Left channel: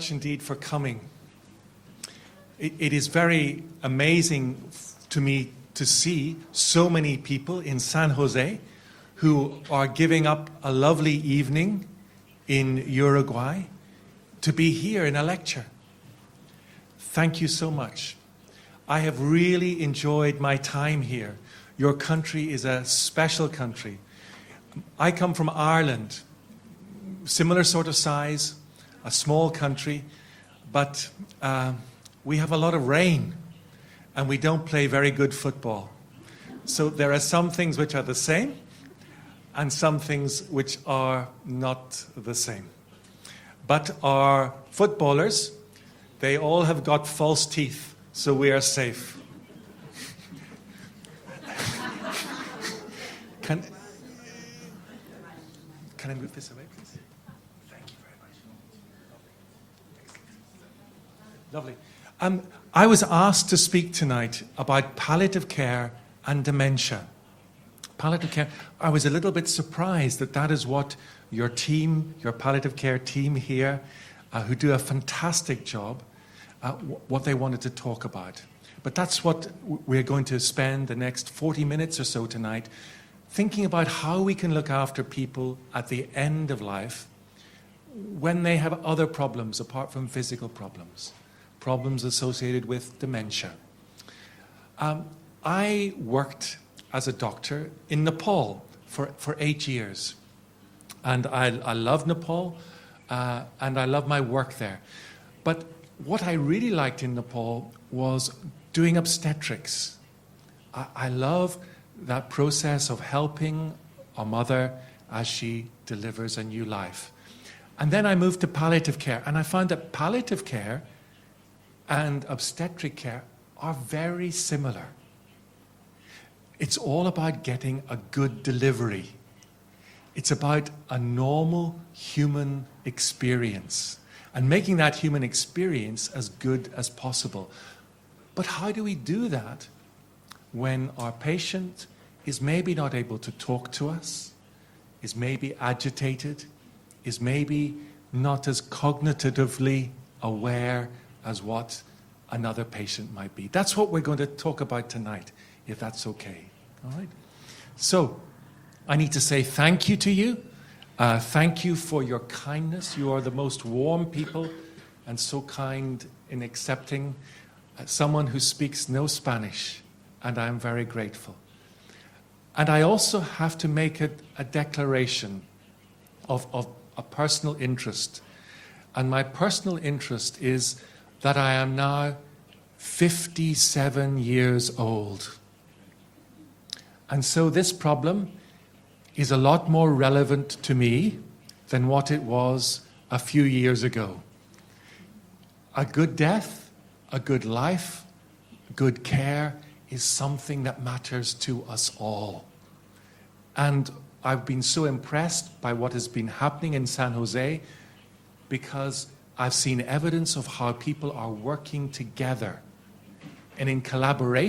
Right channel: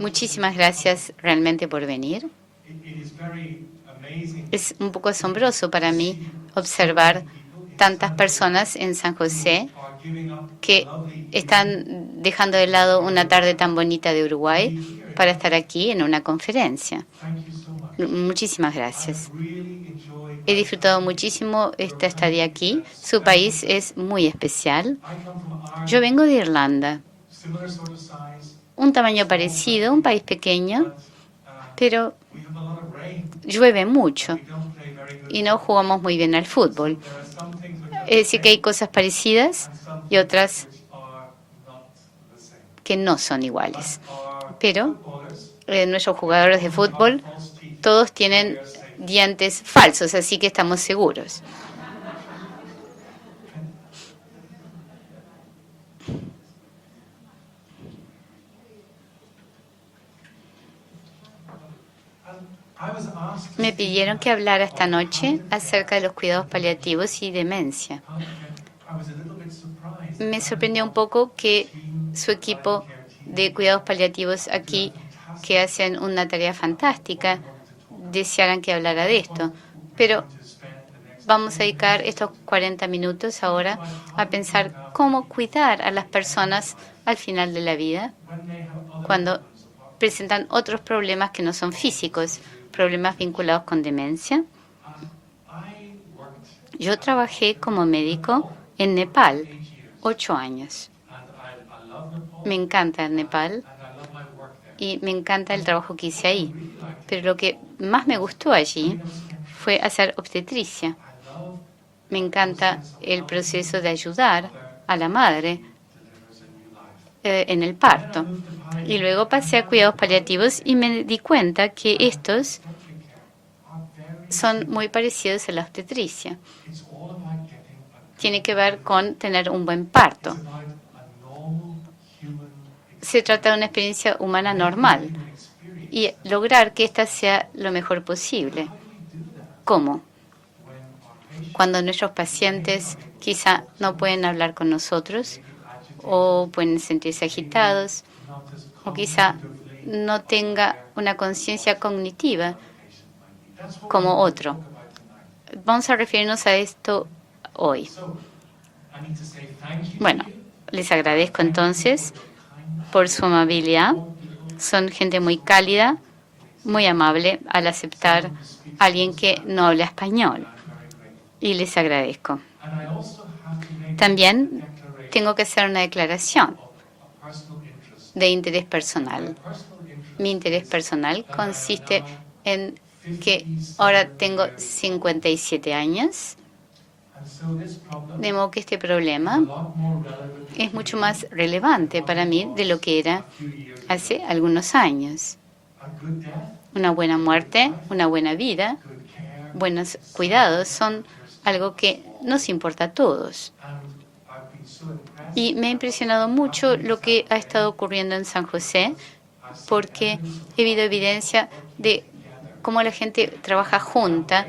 Muchísimas gracias realmente por venir. Es un poco asombroso para mí observar tantas personas en San José que están dejando de lado una tarde tan bonita de Uruguay para estar aquí en una conferencia. Muchísimas gracias. He disfrutado muchísimo esta estadía aquí. Su país es muy especial. Yo vengo de Irlanda, un tamaño parecido, un país pequeño, pero llueve mucho y no jugamos muy bien al fútbol. Sé que hay cosas parecidas y otras que no son iguales. Pero nuestros jugadores de fútbol todos tienen dientes falsos, así que estamos seguros. Me pidieron que hablara esta noche acerca de los cuidados paliativos y demencia. Me sorprendió un poco que su equipo de cuidados paliativos aquí, que hacen una tarea fantástica, desearan que hablara de esto. Pero vamos a dedicar estos 40 minutos ahora a pensar cómo cuidar a las personas al final de la vida, cuando presentan otros problemas que no son físicos, problemas vinculados con demencia. Yo trabajé como médico en Nepal 8 años. Me encanta Nepal y me encanta el trabajo que hice ahí. Pero lo que más me gustó allí fue hacer obstetricia. Me encanta el proceso de ayudar a la madre en el parto. Y luego pasé a cuidados paliativos y me di cuenta que estos son muy parecidos a la obstetricia. Tiene que ver con tener un buen parto. Se trata de una experiencia humana normal y lograr que ésta sea lo mejor posible. ¿Cómo? Cuando nuestros pacientes quizá no pueden hablar con nosotros o pueden sentirse agitados o quizá no tenga una conciencia cognitiva como otro. Vamos a referirnos a esto hoy. Bueno, les agradezco entonces por su amabilidad. Son gente muy cálida, muy amable al aceptar a alguien que no habla español, y les agradezco. También tengo que hacer una declaración de interés personal. Mi interés personal consiste en que ahora tengo 57 años, de modo que este problema es mucho más relevante para mí de lo que era hace algunos años. Una buena muerte, una buena vida, buenos cuidados son algo que nos importa a todos. Y me ha impresionado mucho lo que ha estado ocurriendo en San José, porque he visto evidencia de cómo la gente trabaja junta,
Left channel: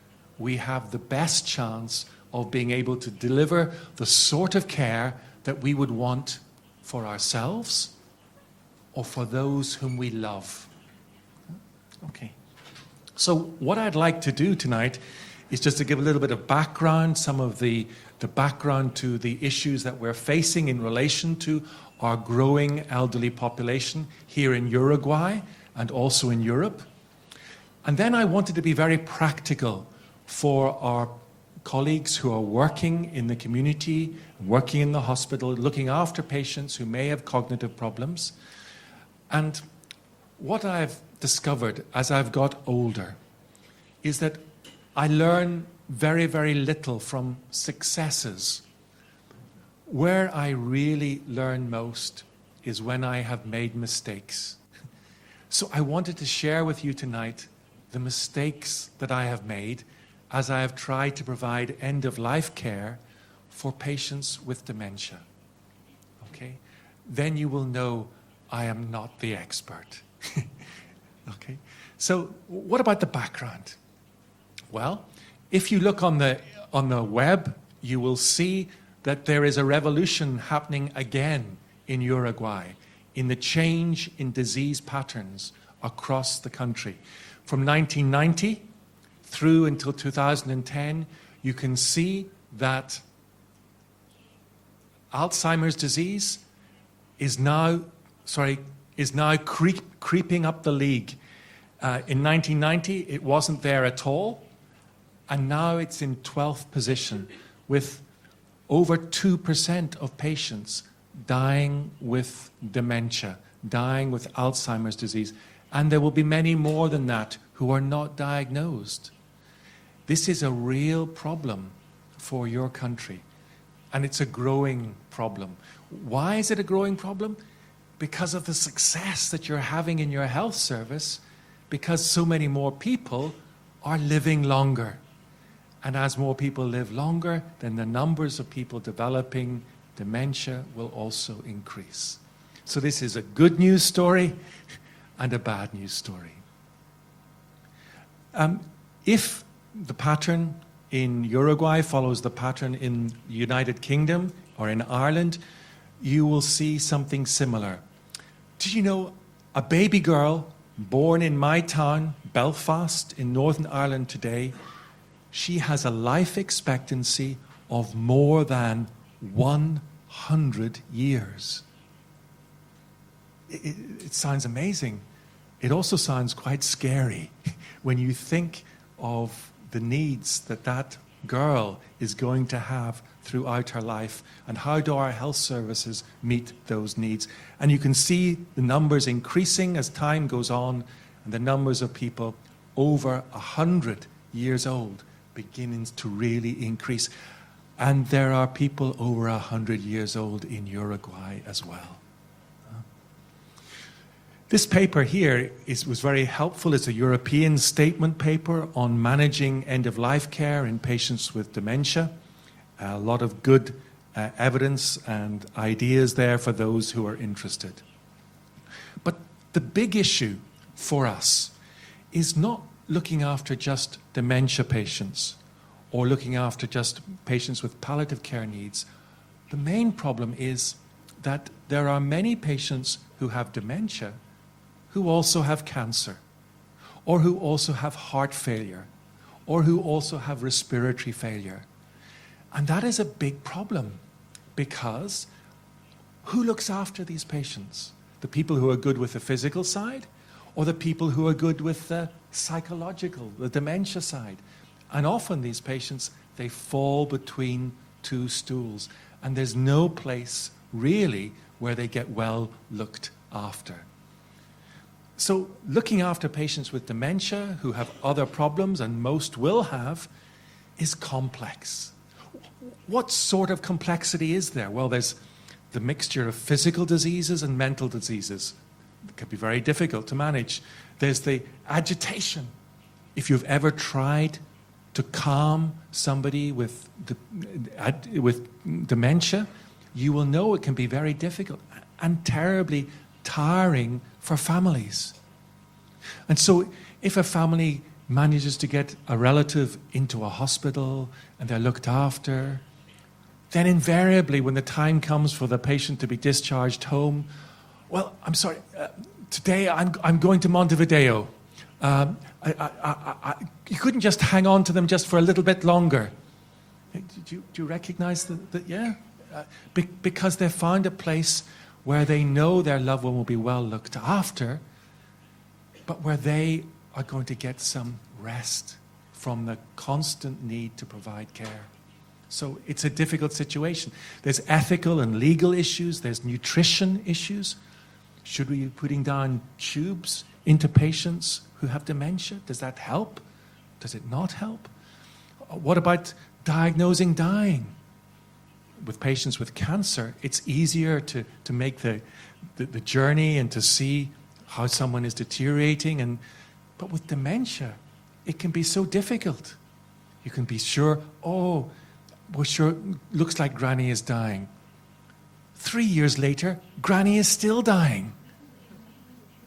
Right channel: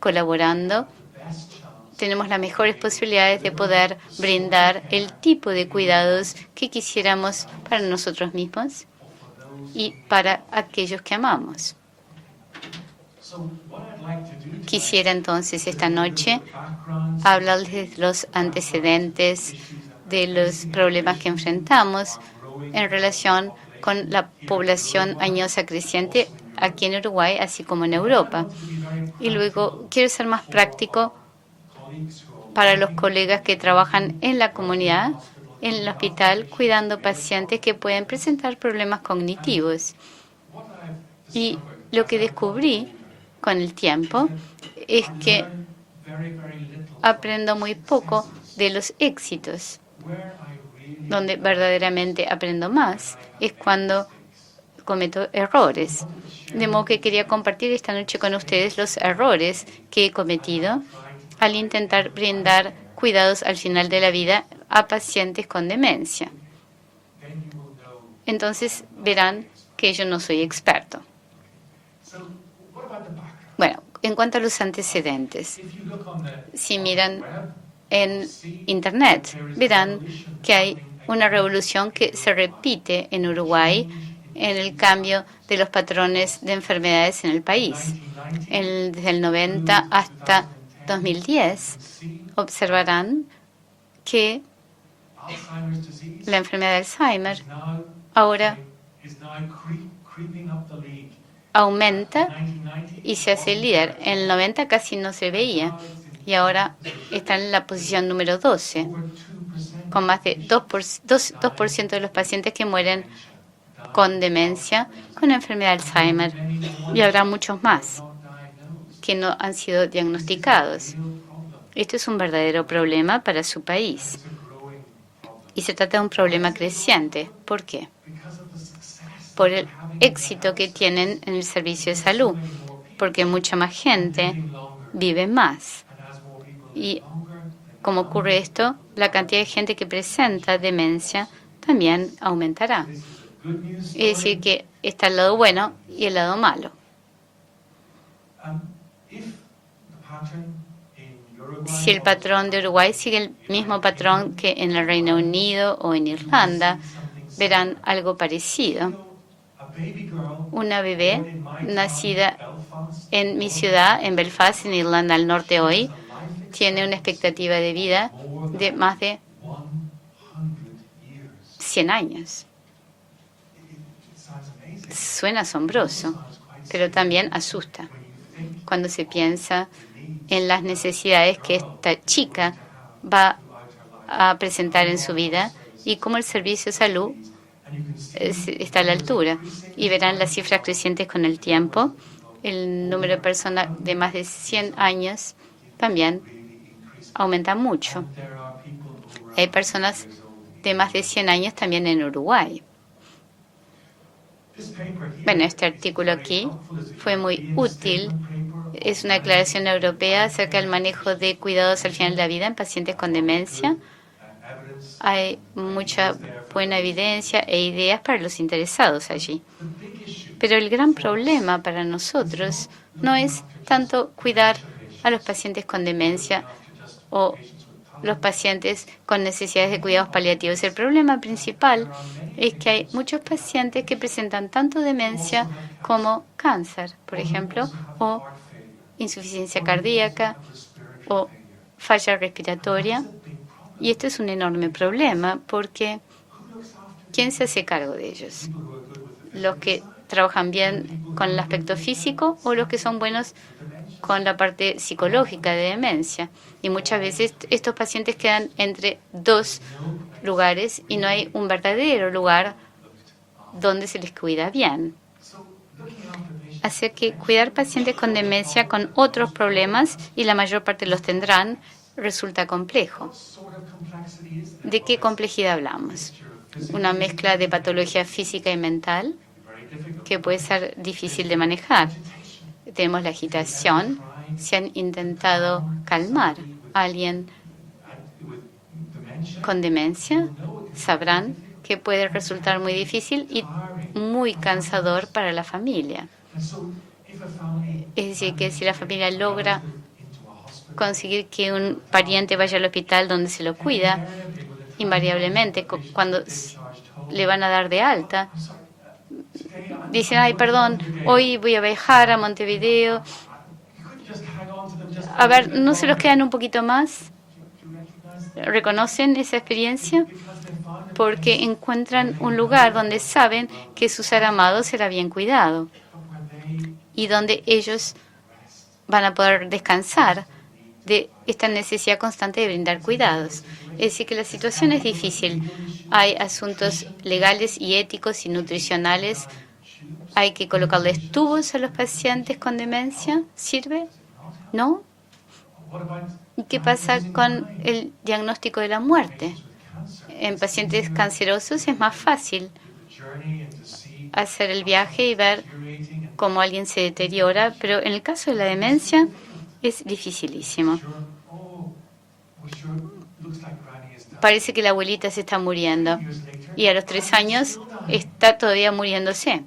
colaborando. Tenemos las mejores posibilidades de poder brindar el tipo de cuidados que quisiéramos para nosotros mismos y para aquellos que amamos. Quisiera entonces esta noche hablarles de los antecedentes, de los problemas que enfrentamos en relación con la población añosa creciente aquí en Uruguay, así como en Europa. Y luego quiero ser más práctico para los colegas que trabajan en la comunidad, en el hospital, cuidando pacientes que pueden presentar problemas cognitivos. Y lo que descubrí con el tiempo es que aprendo muy poco de los éxitos. Donde verdaderamente aprendo más es cuando cometo errores. De modo que quería compartir esta noche con ustedes los errores que he cometido al intentar brindar cuidados al final de la vida a pacientes con demencia. Entonces verán que yo no soy experto. Bueno, en cuanto a los antecedentes, si miran en Internet, verán que hay una revolución que se repite en Uruguay en el cambio de los patrones de enfermedades en el país. Desde el 90 hasta 2010 observarán que la enfermedad de Alzheimer ahora aumenta y se hace líder. En el 90 casi no se veía y ahora está en la posición número 12, con más de 2% de los pacientes que mueren con demencia, con enfermedad de Alzheimer, y habrá muchos más que no han sido diagnosticados. Esto es un verdadero problema para su país. Y se trata de un problema creciente. ¿Por qué? Por el éxito que tienen en el servicio de salud, porque mucha más gente vive más. Y como ocurre esto, la cantidad de gente que presenta demencia también aumentará. Es decir, que está el lado bueno y el lado malo. Si el patrón de Uruguay sigue el mismo patrón que en el Reino Unido o en Irlanda, verán algo parecido. Una bebé nacida en mi ciudad, en Belfast, en Irlanda del Norte hoy, tiene una expectativa de vida de más de 100 años. Suena asombroso, pero también asusta cuando se piensa en las necesidades que esta chica va a presentar en su vida y cómo el servicio de salud está a la altura. Y verán las cifras crecientes con el tiempo. El número de personas de más de 100 años también aumenta mucho. Hay personas de más de 100 años también en Uruguay. Bueno, este artículo aquí fue muy útil. Es una declaración europea acerca del manejo de cuidados al final de la vida en pacientes con demencia. Hay mucha buena evidencia e ideas para los interesados allí. Pero el gran problema para nosotros no es tanto cuidar a los pacientes con demencia o los pacientes con necesidades de cuidados paliativos. El problema principal es que hay muchos pacientes que presentan tanto demencia como cáncer, por ejemplo, o insuficiencia cardíaca o falla respiratoria. Y esto es un enorme problema porque ¿quién se hace cargo de ellos? ¿Los que trabajan bien con el aspecto físico o los que son buenos con la parte psicológica de demencia? Y muchas veces estos pacientes quedan entre dos lugares y no hay un verdadero lugar donde se les cuida bien. Así que cuidar pacientes con demencia con otros problemas, y la mayor parte los tendrán, resulta complejo. ¿De qué complejidad hablamos? Una mezcla de patología física y mental que puede ser difícil de manejar. Tenemos la agitación. Si han intentado calmar a alguien con demencia, sabrán que puede resultar muy difícil y muy cansador para la familia. Es decir, que si la familia logra conseguir que un pariente vaya al hospital donde se lo cuida, invariablemente cuando le van a dar de alta, dicen, ay, perdón, hoy voy a viajar a Montevideo. A ver, ¿no se los quedan un poquito más? ¿Reconocen esa experiencia? Porque encuentran un lugar donde saben que su ser amado será bien cuidado y donde ellos van a poder descansar de esta necesidad constante de brindar cuidados. Es decir, que la situación es difícil. Hay asuntos legales y éticos y nutricionales. Hay que colocarles tubos a los pacientes con demencia. ¿Sirve? ¿No? ¿Qué pasa con el diagnóstico de la muerte? En pacientes cancerosos es más fácil hacer el viaje y ver cómo alguien se deteriora, pero en el caso de la demencia es dificilísimo. Parece que la abuelita se está muriendo y a los 3 años está todavía muriéndose.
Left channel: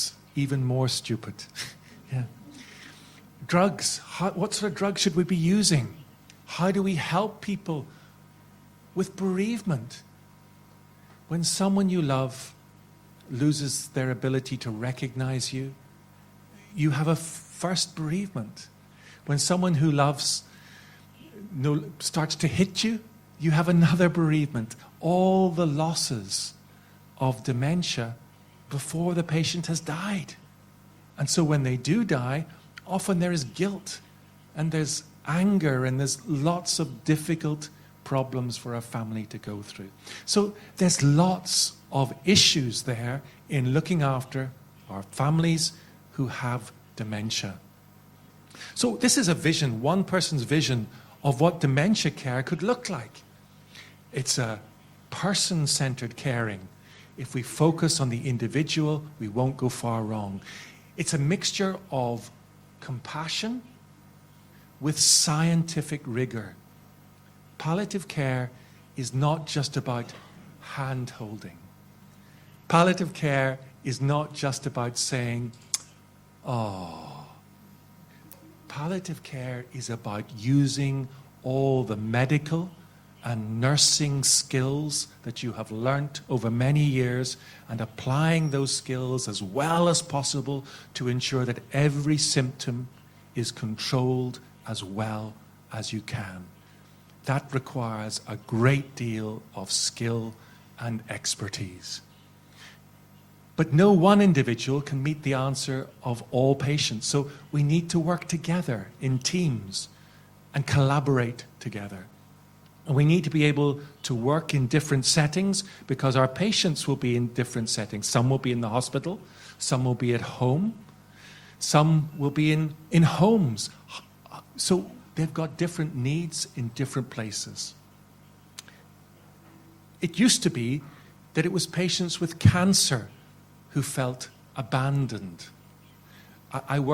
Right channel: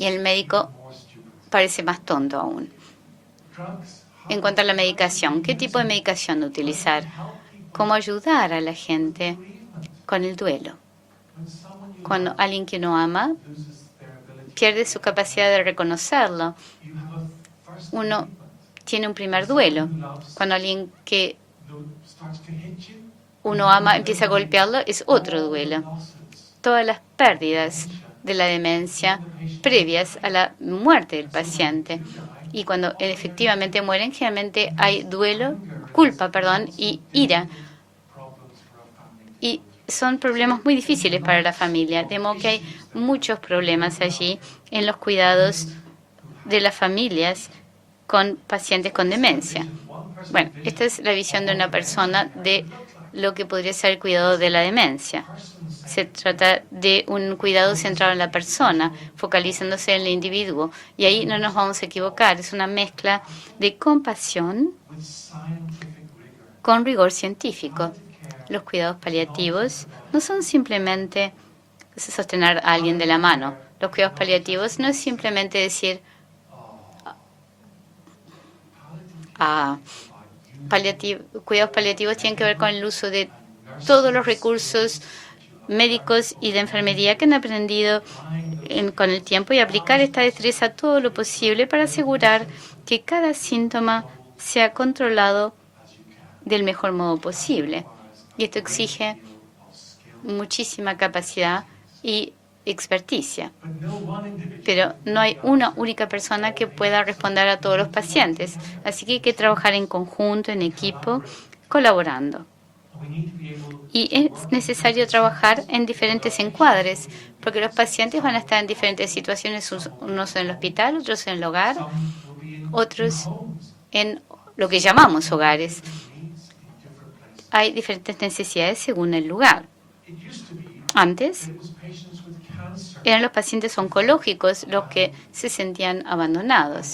Y el médico parece más tonto aún. En cuanto a la medicación, ¿qué tipo de medicación utilizar? ¿Cómo ayudar a la gente con el duelo? Cuando alguien que uno ama pierde su capacidad de reconocerlo, uno tiene un primer duelo. Cuando alguien que uno ama empieza a golpearlo, es otro duelo. Todas las pérdidas de la demencia previas a la muerte del paciente. Y cuando efectivamente mueren, generalmente hay duelo, culpa, y ira. Y son problemas muy difíciles para la familia. Vemos que hay muchos problemas allí en los cuidados de las familias con pacientes con demencia. Bueno, esta es la visión de una persona de lo que podría ser el cuidado de la demencia. Se trata de un cuidado centrado en la persona, focalizándose en el individuo. Y ahí no nos vamos a equivocar. Es una mezcla de compasión con rigor científico. Los cuidados paliativos no son simplemente sostener a alguien de la mano. Los cuidados paliativos no es simplemente decir, cuidados paliativos tienen que ver con el uso de todos los recursos médicos y de enfermería que han aprendido con el tiempo y aplicar esta destreza todo lo posible para asegurar que cada síntoma sea controlado del mejor modo posible. Y esto exige muchísima capacidad y experticia. Pero no hay una única persona que pueda responder a todos los pacientes. Así que hay que trabajar en conjunto, en equipo, colaborando. Y es necesario trabajar en diferentes encuadres, porque los pacientes van a estar en diferentes situaciones, unos en el hospital, otros en el hogar, otros en lo que llamamos hogares. Hay diferentes necesidades según el lugar. Antes, eran los pacientes oncológicos los que se sentían abandonados.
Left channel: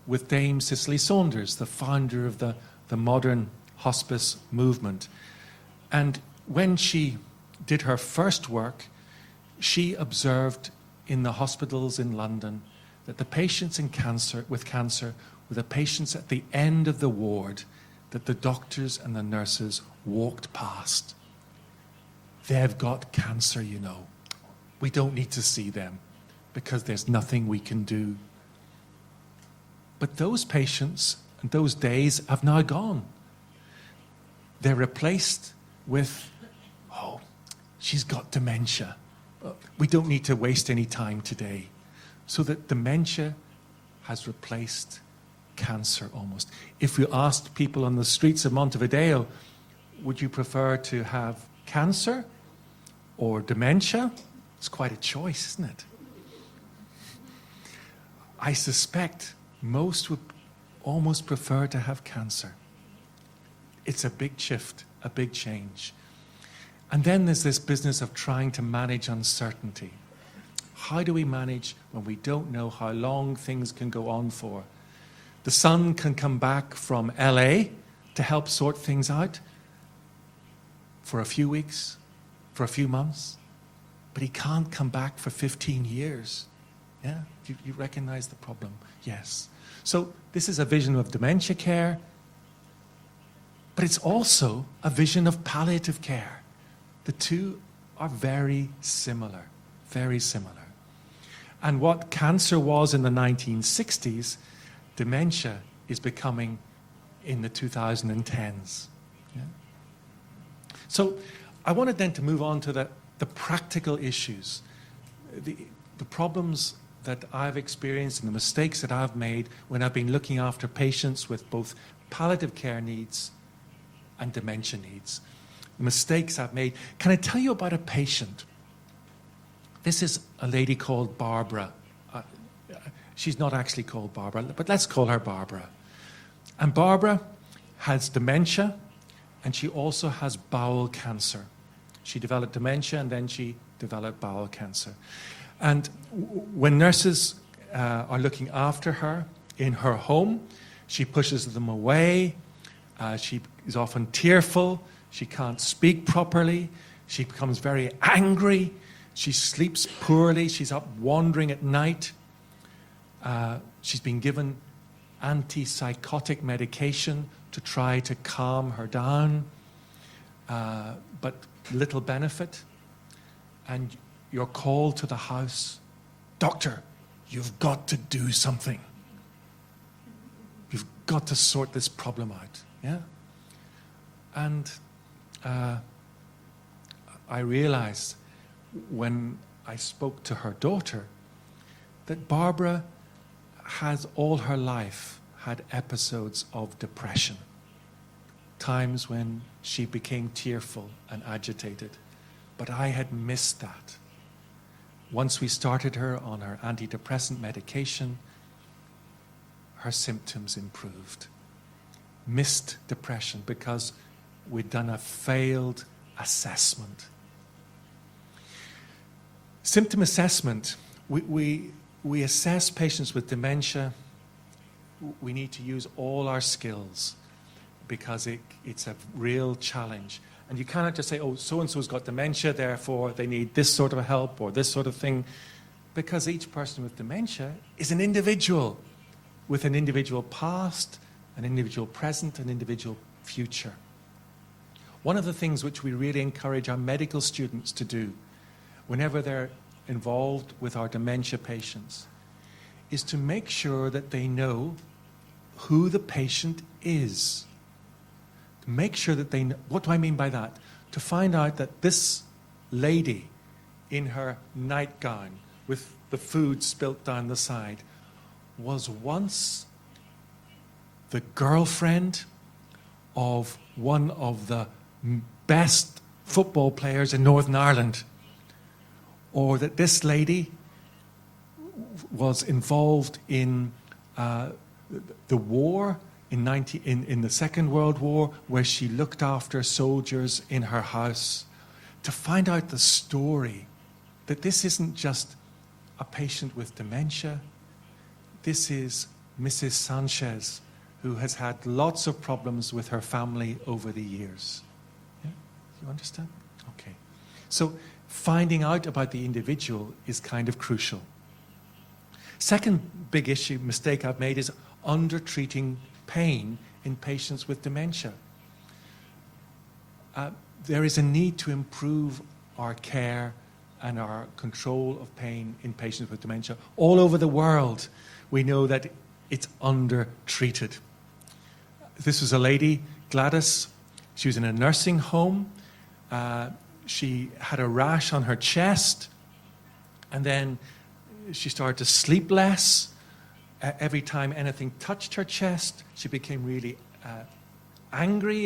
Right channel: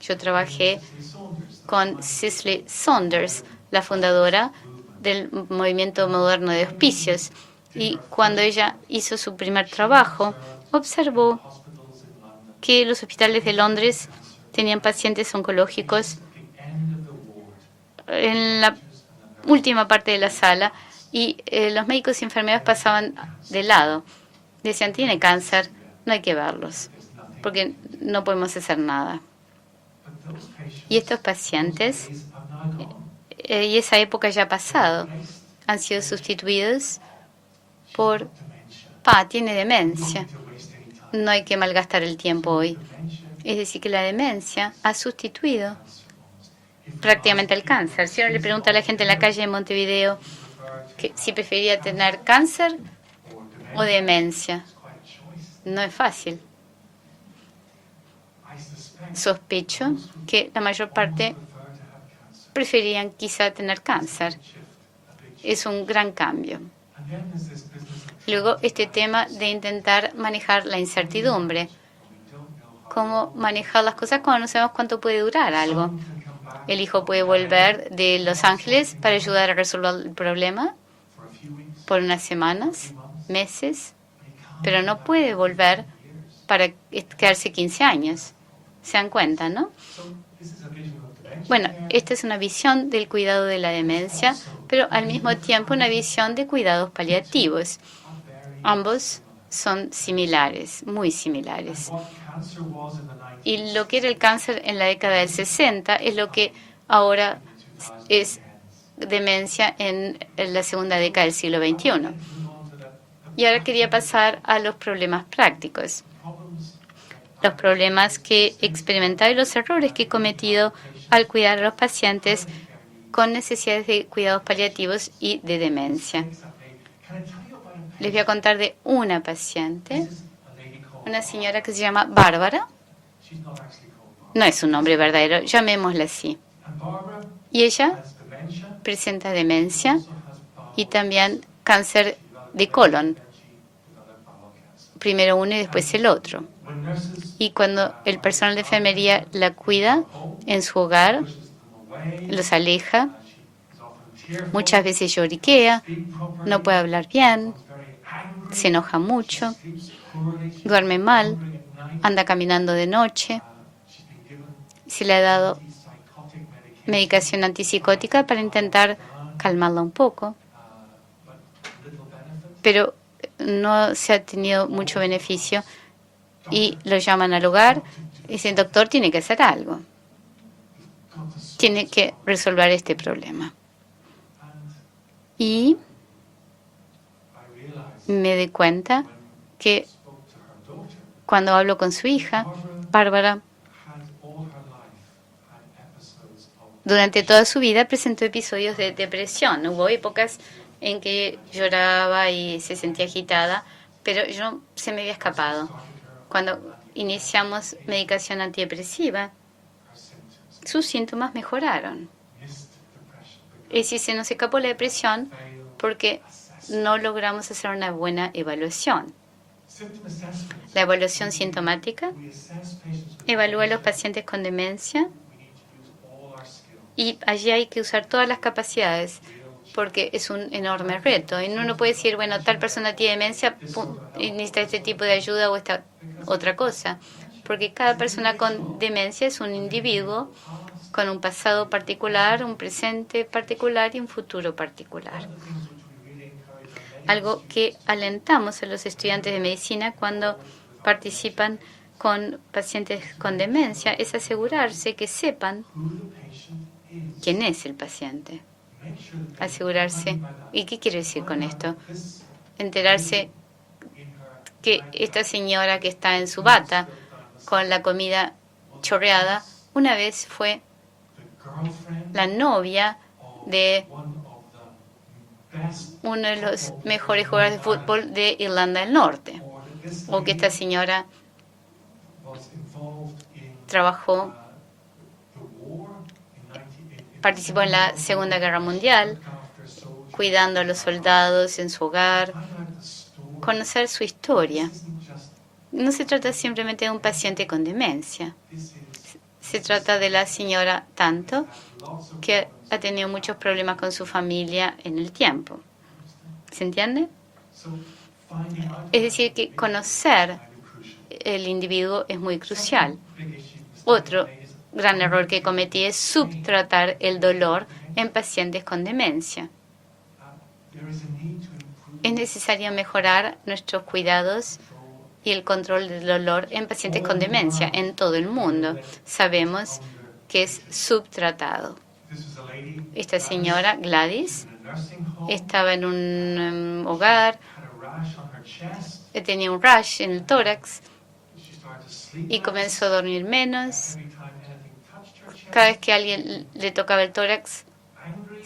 Yo trabajé con Cicely Saunders, la fundadora del movimiento moderno de hospicios. Y cuando ella hizo su primer trabajo, observó que los hospitales de Londres tenían pacientes oncológicos en la última parte de la sala y los médicos y enfermeras pasaban de lado. Decían, tiene cáncer, no hay que verlos, porque no podemos hacer nada. Y estos pacientes, y esa época ya ha pasado, han sido sustituidos por, tiene demencia, no hay que malgastar el tiempo hoy. Es decir, que la demencia ha sustituido prácticamente el cáncer. Si uno le pregunta a la gente en la calle de Montevideo si preferiría tener cáncer o demencia, no es fácil. Sospecho que la mayor parte preferirían quizá tener cáncer. Es un gran cambio. Luego este tema de intentar manejar la incertidumbre. Cómo manejar las cosas cuando no sabemos cuánto puede durar algo. El hijo puede volver de Los Ángeles para ayudar a resolver el problema por unas semanas, meses, pero no puede volver para quedarse 15 años. ¿Se dan cuenta, no? Bueno, esta es una visión del cuidado de la demencia, pero al mismo tiempo una visión de cuidados paliativos. Ambos son similares, muy similares. Y lo que era el cáncer en la década del 60 es lo que ahora es demencia en la segunda década del siglo XXI. Y ahora quería pasar a los problemas prácticos. Los problemas que he experimentado y los errores que he cometido al cuidar a los pacientes con necesidades de cuidados paliativos y de demencia. Les voy a contar de una paciente, una señora que se llama Bárbara. No es un nombre verdadero, llamémosla así. Y ella presenta demencia y también cáncer de colon. Primero uno y después el otro. Y cuando el personal de enfermería la cuida en su hogar, los aleja, muchas veces lloriquea, no puede hablar bien, se enoja mucho, duerme mal, anda caminando de noche. se le ha dado medicación antipsicótica para intentar calmarla un poco, pero no se ha tenido mucho beneficio. Y lo llaman al hogar y dicen, doctor, tiene que hacer algo. Tiene que resolver este problema. Y me di cuenta que cuando hablo con su hija, Bárbara, durante toda su vida presentó episodios de depresión. Hubo épocas en que lloraba y se sentía agitada, pero se me había escapado. Cuando iniciamos medicación antidepresiva, sus síntomas mejoraron. Y si se nos escapó la depresión, porque no logramos hacer una buena evaluación. La evaluación sintomática evalúa a los pacientes con demencia y allí hay que usar todas las capacidades porque es un enorme reto. Y uno no puede decir, bueno, tal persona tiene demencia y necesita este tipo de ayuda o esta otra cosa. Porque cada persona con demencia es un individuo con un pasado particular, un presente particular y un futuro particular. Algo que alentamos a los estudiantes de medicina cuando participan con pacientes con demencia es asegurarse que sepan quién es el paciente. Asegurarse. ¿Y qué quiere decir con esto? Enterarse que esta señora que está en su bata con la comida chorreada una vez fue la novia de uno de los mejores jugadores de fútbol de Irlanda del Norte, o que esta señora trabajó, participó en la Segunda Guerra Mundial, cuidando a los soldados en su hogar, conocer su historia. No se trata simplemente de un paciente con demencia. Se trata de la señora tanto que ha tenido muchos problemas con su familia en el tiempo. ¿Se entiende? Es decir, que conocer el individuo es muy crucial. Otro gran error que cometí es subtratar el dolor en pacientes con demencia. Es necesario mejorar nuestros cuidados y el control del dolor en pacientes con demencia en todo el mundo. Sabemos que es subtratado. Esta señora, Gladys, estaba en un hogar, tenía un rash en el tórax y comenzó a dormir menos. Cada vez que alguien le tocaba el tórax,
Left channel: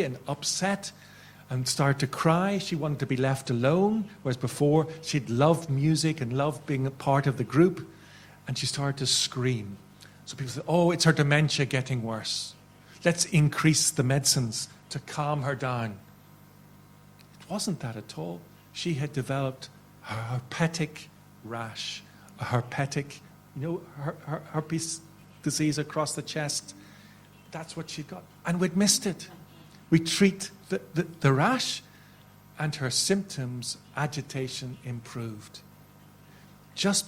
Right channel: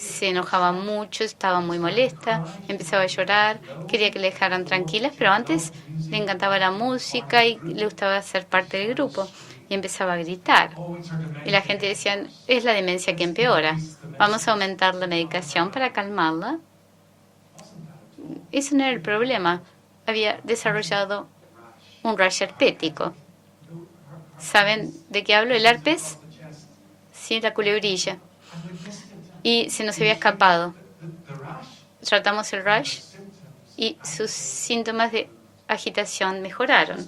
se enojaba mucho, estaba muy molesta, empezaba a llorar, quería que le dejaran tranquilas, pero antes le encantaba la música y le gustaba ser parte del grupo y empezaba a gritar. Y la gente decía, es la demencia que empeora, vamos a aumentar la medicación para calmarla. Ese no era el problema, había desarrollado un rash herpético. ¿Saben de qué hablo? El herpes, sí, la culebrilla. Y se nos había escapado. Tratamos el rash y sus síntomas de agitación mejoraron. Es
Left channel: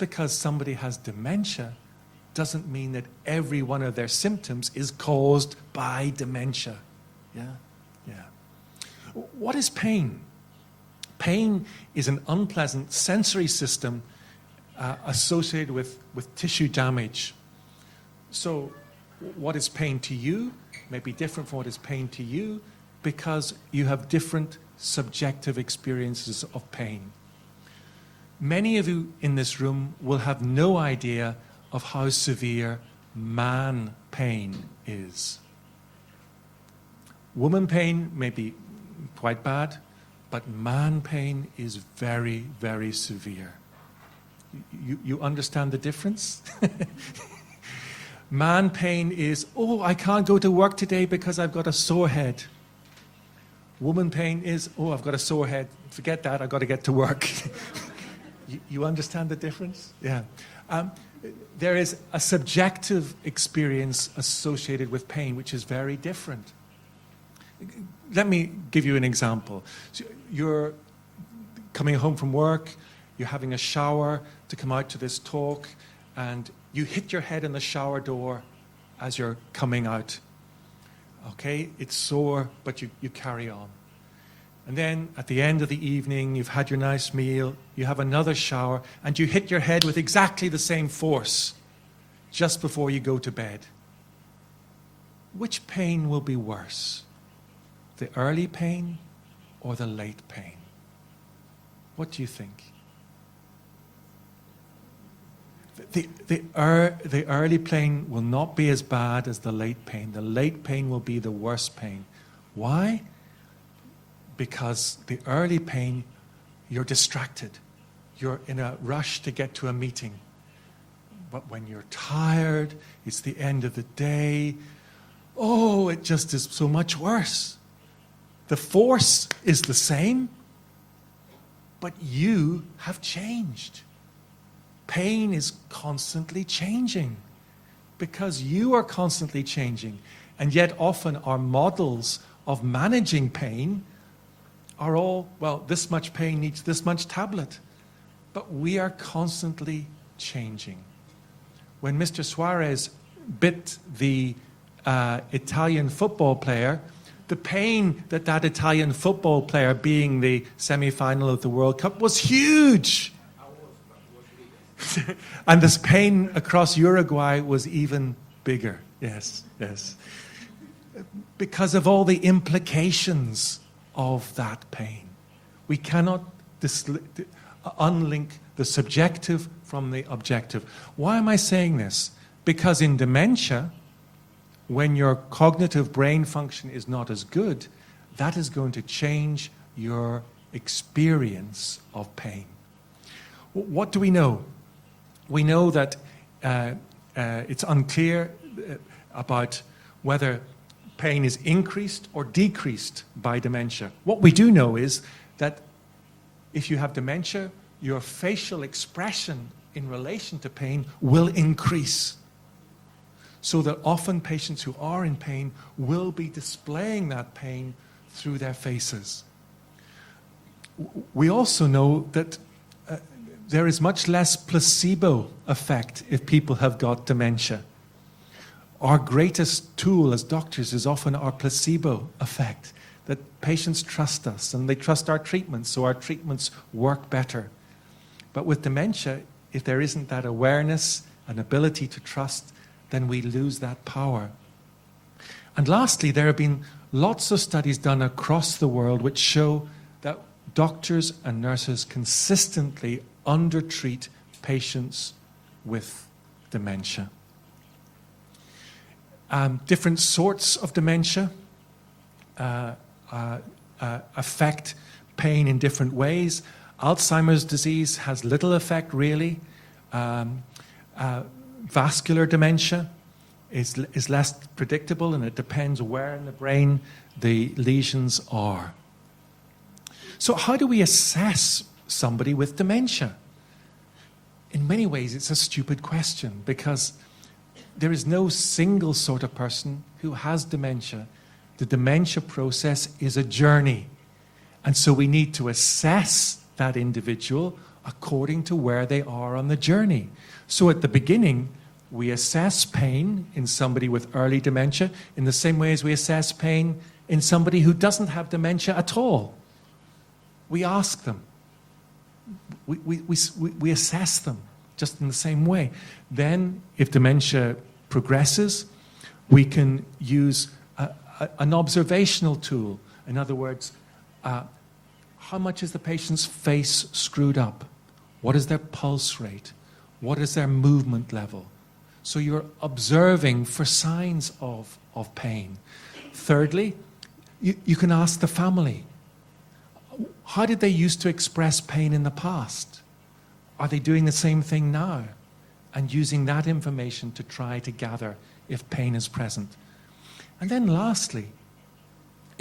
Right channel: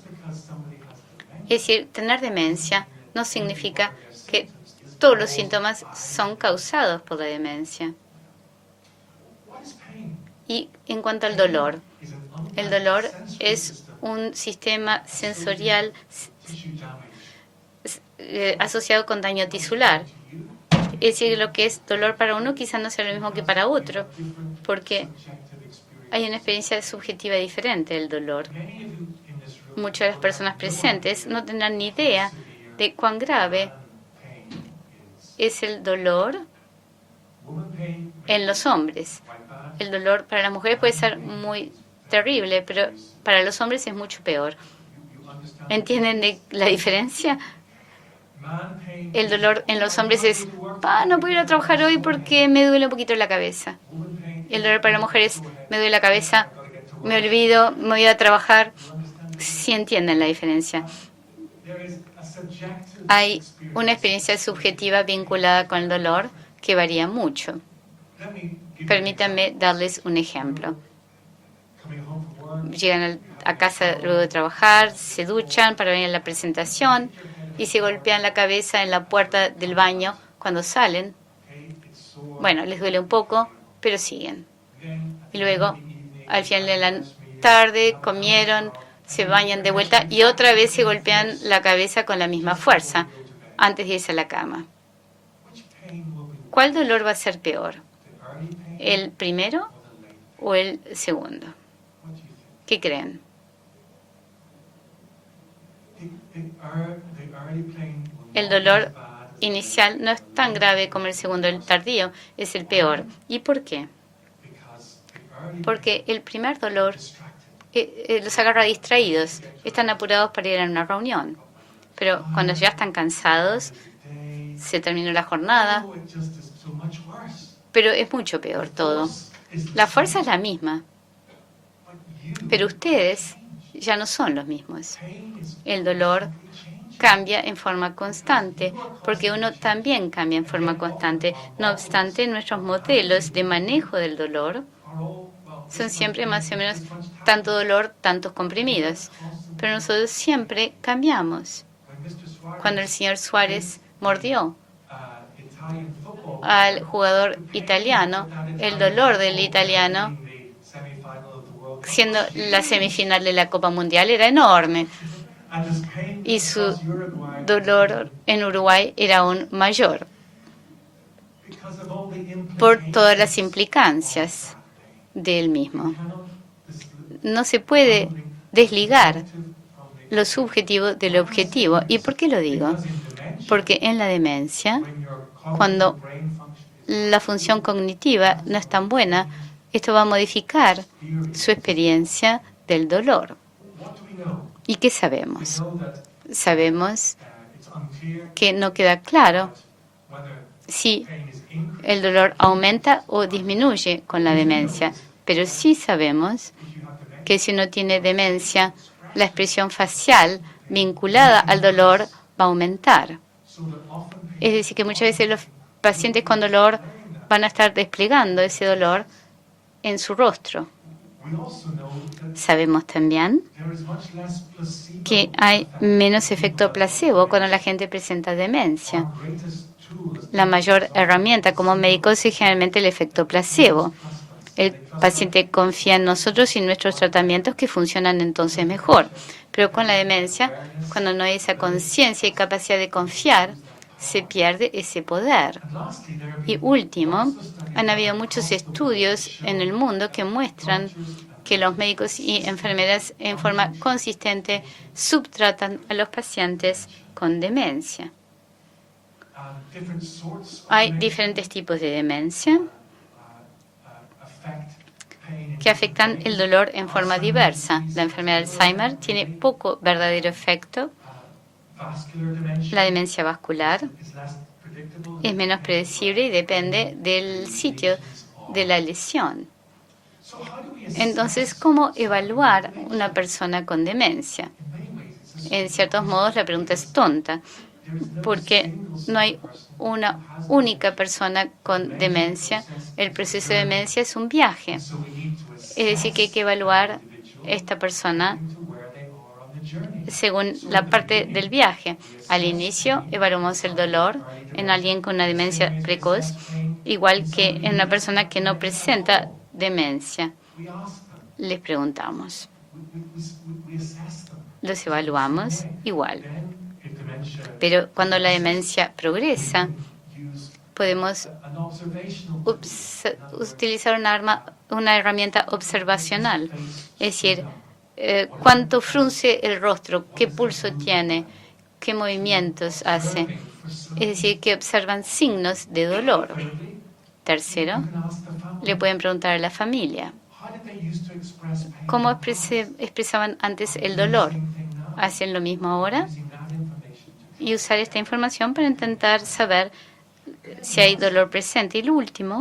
decir, tener demencia no significa que todos los síntomas son causados por la demencia. Y en cuanto al dolor, el dolor es un sistema sensorial asociado con daño tisular. Es decir, lo que es dolor para uno quizás no sea lo mismo que para otro, porque hay una experiencia subjetiva diferente del dolor. Muchas de las personas presentes no tendrán ni idea de cuán grave es el dolor en los hombres. El dolor para las mujeres puede ser muy terrible, pero para los hombres es mucho peor. ¿Entienden la diferencia? El dolor en los hombres es, no puedo ir a trabajar hoy porque me duele un poquito la cabeza. El dolor para las mujeres, me duele la cabeza, me olvido, me voy a trabajar. ¿Sí entienden la diferencia? Hay una experiencia subjetiva vinculada con el dolor que varía mucho. Permítanme darles un ejemplo. llegan a casa luego de trabajar, se duchan para venir a la presentación y se golpean la cabeza en la puerta del baño cuando salen. Bueno, les duele un poco, pero siguen. Y luego, al final de la tarde, comieron, se bañan de vuelta y otra vez se golpean la cabeza con la misma fuerza antes de irse a la cama. ¿Cuál dolor va a ser peor? ¿El primero o el segundo? ¿Qué creen? El dolor inicial no es tan grave como el segundo, el tardío es el peor. ¿Y por qué? Porque el primer dolor los agarra distraídos, están apurados para ir a una reunión. Pero cuando ya están cansados, se terminó la jornada, pero es mucho peor todo. La fuerza es la misma, pero ustedes ya no son los mismos. El dolor cambia en forma constante, porque uno también cambia en forma constante. No obstante, nuestros modelos de manejo del dolor son siempre más o menos tanto dolor, tantos comprimidos. Pero nosotros siempre cambiamos. Cuando el señor Suárez mordió al jugador italiano, el dolor del italiano, siendo la semifinal de la Copa Mundial, era enorme. Y su dolor en Uruguay era aún mayor por todas las implicancias del mismo. No se puede desligar lo subjetivo del objetivo. ¿Y por qué lo digo? Porque en la demencia, cuando la función cognitiva no es tan buena, esto va a modificar su experiencia del dolor. ¿Y qué sabemos? Sabemos que no queda claro si el dolor aumenta o disminuye con la demencia. Pero sí sabemos que si uno tiene demencia, la expresión facial vinculada al dolor va a aumentar. Es decir, que muchas veces los pacientes con dolor van a estar desplegando ese dolor en su rostro. Sabemos también que hay menos efecto placebo cuando la gente presenta demencia. La mayor herramienta como médicos es generalmente el efecto placebo. El paciente confía en nosotros y en nuestros tratamientos que funcionan entonces mejor. Pero con la demencia, cuando no hay esa conciencia y capacidad de confiar, se pierde ese poder. Y último, han habido muchos estudios en el mundo que muestran que los médicos y enfermeras en forma consistente subtratan a los pacientes con demencia. Hay diferentes tipos de demencia que afectan el dolor en forma diversa. La enfermedad de Alzheimer tiene poco verdadero efecto. La demencia vascular es menos predecible y depende del sitio de la lesión. Entonces, ¿cómo evaluar una persona con demencia? En ciertos modos, la pregunta es tonta, porque no hay una única persona con demencia. El proceso de demencia es un viaje. Es decir, que hay que evaluar esta persona según la parte del viaje. Al inicio, evaluamos el dolor en alguien con una demencia precoz, igual que en una persona que no presenta demencia. Les preguntamos. Los evaluamos igual. Pero cuando la demencia progresa, podemos utilizar una herramienta observacional. Es decir, cuánto frunce el rostro, qué pulso tiene, qué movimientos hace. Es decir, que observan signos de dolor. Tercero, le pueden preguntar a la familia, ¿cómo expresaban antes el dolor? ¿Hacen lo mismo ahora? Y usar esta información para intentar saber si hay dolor presente. Y lo último,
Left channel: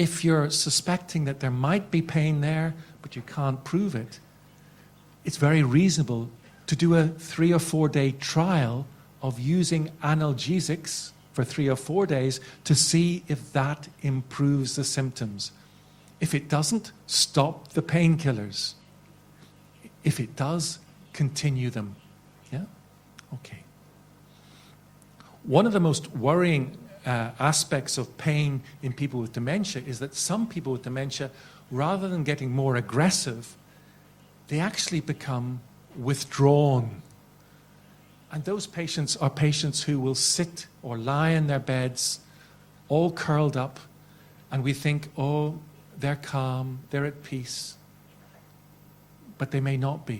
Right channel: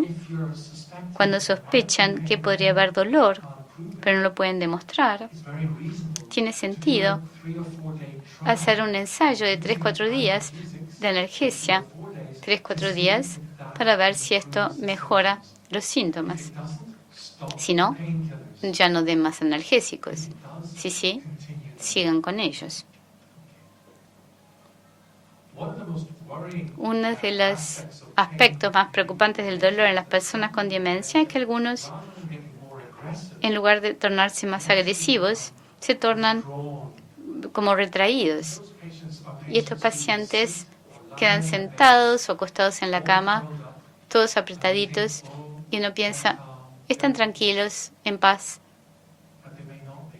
cuando sospechan que podría haber dolor, pero no lo pueden demostrar, tiene sentido hacer un ensayo de 3-4 días de analgesia, 3-4 días, para ver si esto mejora los síntomas. Si no, ya no den más analgésicos. Si sí, sigan con ellos. Uno de los aspectos más preocupantes del dolor en las personas con demencia es que algunos, en lugar de tornarse más agresivos, se tornan como retraídos. Y estos pacientes quedan sentados o acostados en la cama, todos apretaditos, y uno piensa, están tranquilos, en paz,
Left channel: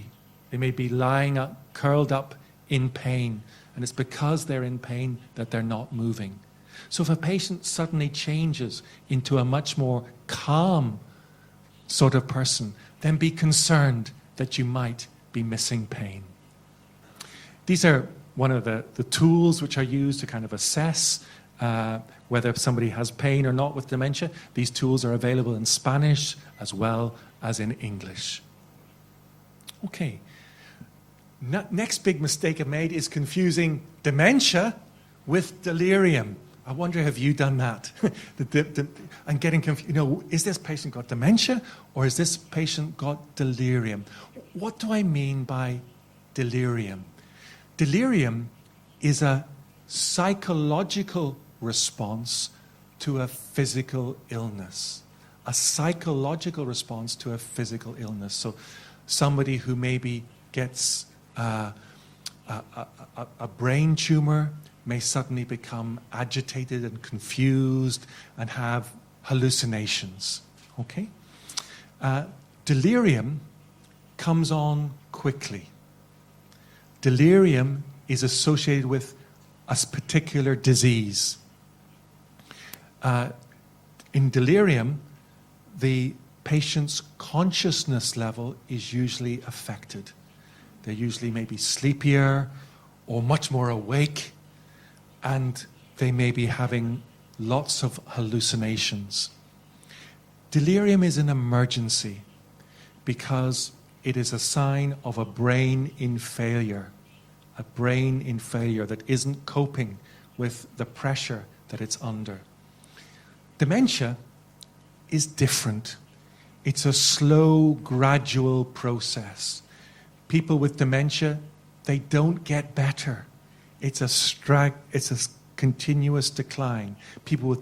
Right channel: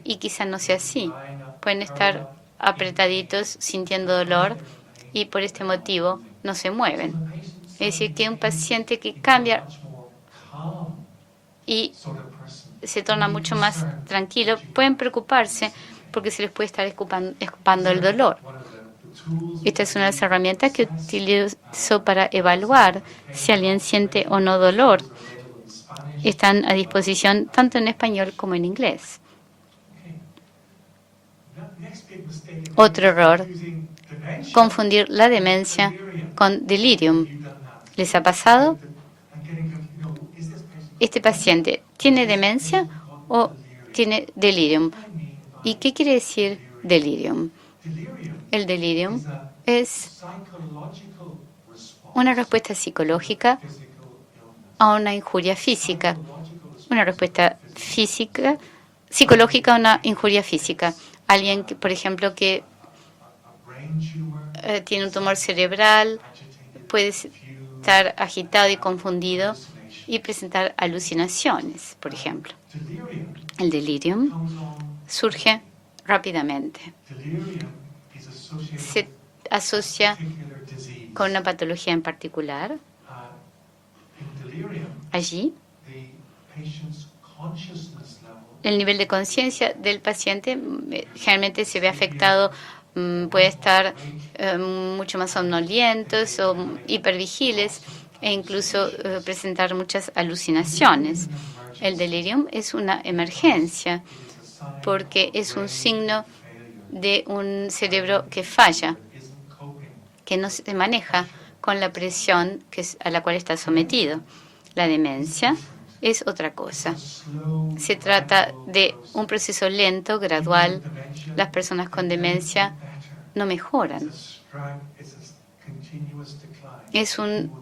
y quizá no sea así. Pueden estar apretaditos, sintiendo dolor, y por este motivo no se mueven. Es decir, que un paciente que cambia y se torna mucho más tranquilo, pueden preocuparse porque se les puede estar escapando el dolor. Esta es una de las herramientas que utilizo para evaluar si alguien siente o no dolor. Están a disposición tanto en español como en inglés. Otro error, confundir la demencia con delirium. ¿Les ha pasado? ¿Este paciente tiene demencia o tiene delirium? ¿Y qué quiere decir delirium? El delirium es una respuesta psicológica a una injuria física, una respuesta psicológica a una injuria física. Alguien, por ejemplo, que tiene un tumor cerebral puede estar agitado y confundido y presentar alucinaciones, por ejemplo. El delirium surge rápidamente. Se asocia con una patología en particular. Allí, el nivel de conciencia del paciente generalmente se ve afectado, puede estar mucho más somnolientos o hipervigiles e incluso presentar muchas alucinaciones. El delirium es una emergencia porque es un signo de un cerebro que falla, que no se maneja con la presión a la cual está sometido. La demencia es otra cosa. Se trata de un proceso lento, gradual. Las personas con demencia no mejoran. Es un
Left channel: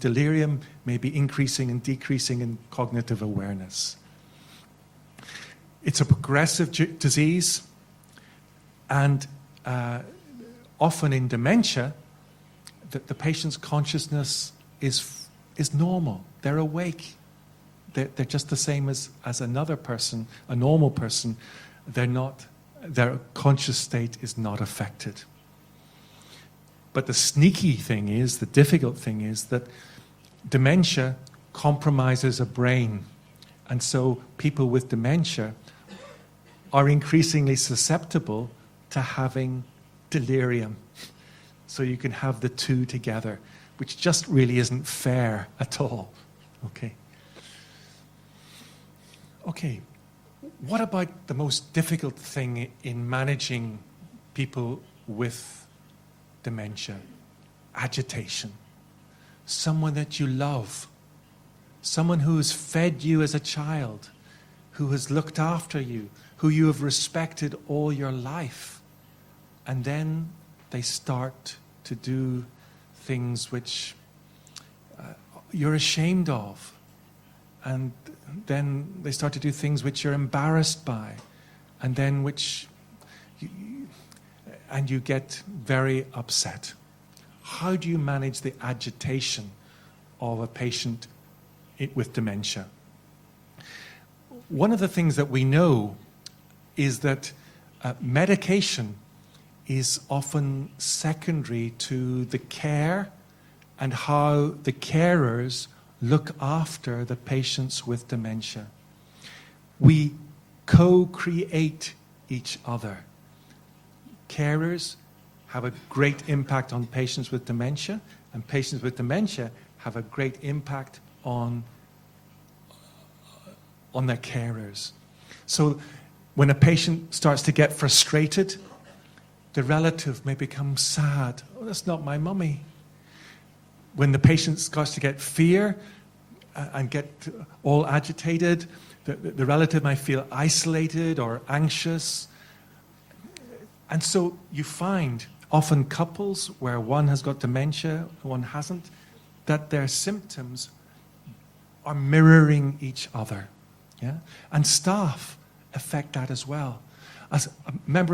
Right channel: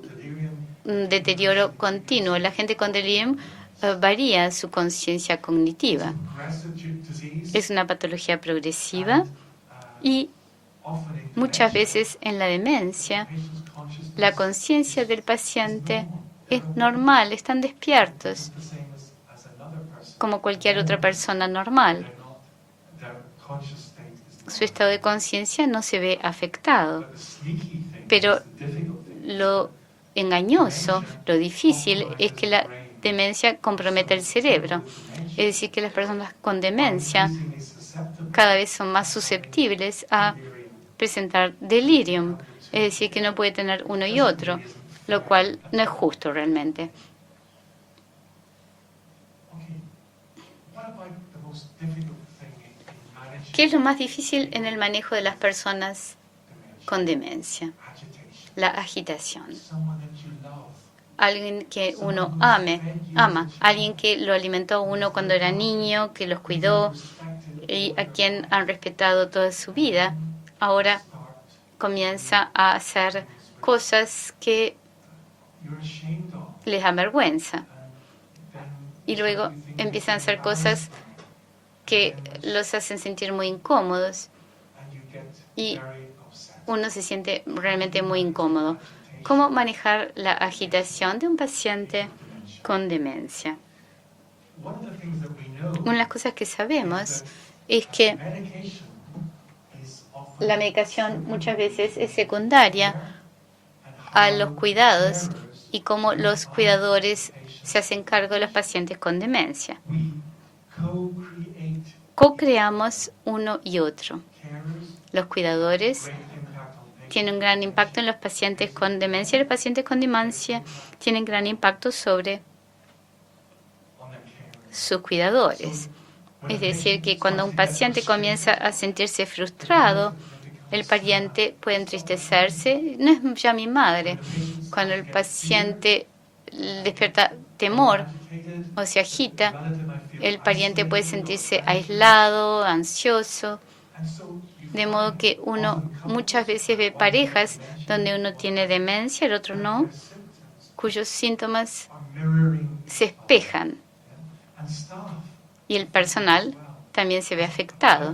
deterioro continuo. La gente con delirium varía su conciencia cognitiva. Es una patología progresiva y muchas veces en la demencia la conciencia del paciente es normal, están despiertos como cualquier otra persona normal. Su estado de conciencia no se ve afectado. Pero lo engañoso, lo difícil es que la demencia compromete el cerebro. Es decir, que las personas con demencia cada vez son más susceptibles a presentar delirium. Es decir, que no puede tener uno y otro, lo cual no es justo realmente. ¿Qué es lo más difícil en el manejo de las personas con demencia? La agitación. Alguien que uno ama, alguien que lo alimentó a uno cuando era niño, que los cuidó y a quien han respetado toda su vida, ahora comienza a hacer cosas que les dan vergüenza. Y luego empiezan a hacer cosas que los hacen sentir muy incómodos. Y uno se siente realmente muy incómodo. ¿Cómo manejar la agitación de un paciente con demencia? Una de las cosas que sabemos es que la medicación muchas veces es secundaria a los cuidados y cómo los cuidadores se hacen cargo de los pacientes con demencia. co-creamos uno y otro. Los cuidadores tienen un gran impacto en los pacientes con demencia y los pacientes con demencia tienen gran impacto sobre sus cuidadores. Es decir, que cuando un paciente comienza a sentirse frustrado, el pariente puede entristecerse. No es ya mi madre. Cuando el paciente despierta temor o se agita, el pariente puede sentirse aislado, ansioso. De modo que uno muchas veces ve parejas donde uno tiene demencia, el otro no, cuyos síntomas se espejan. Y el personal también se ve afectado.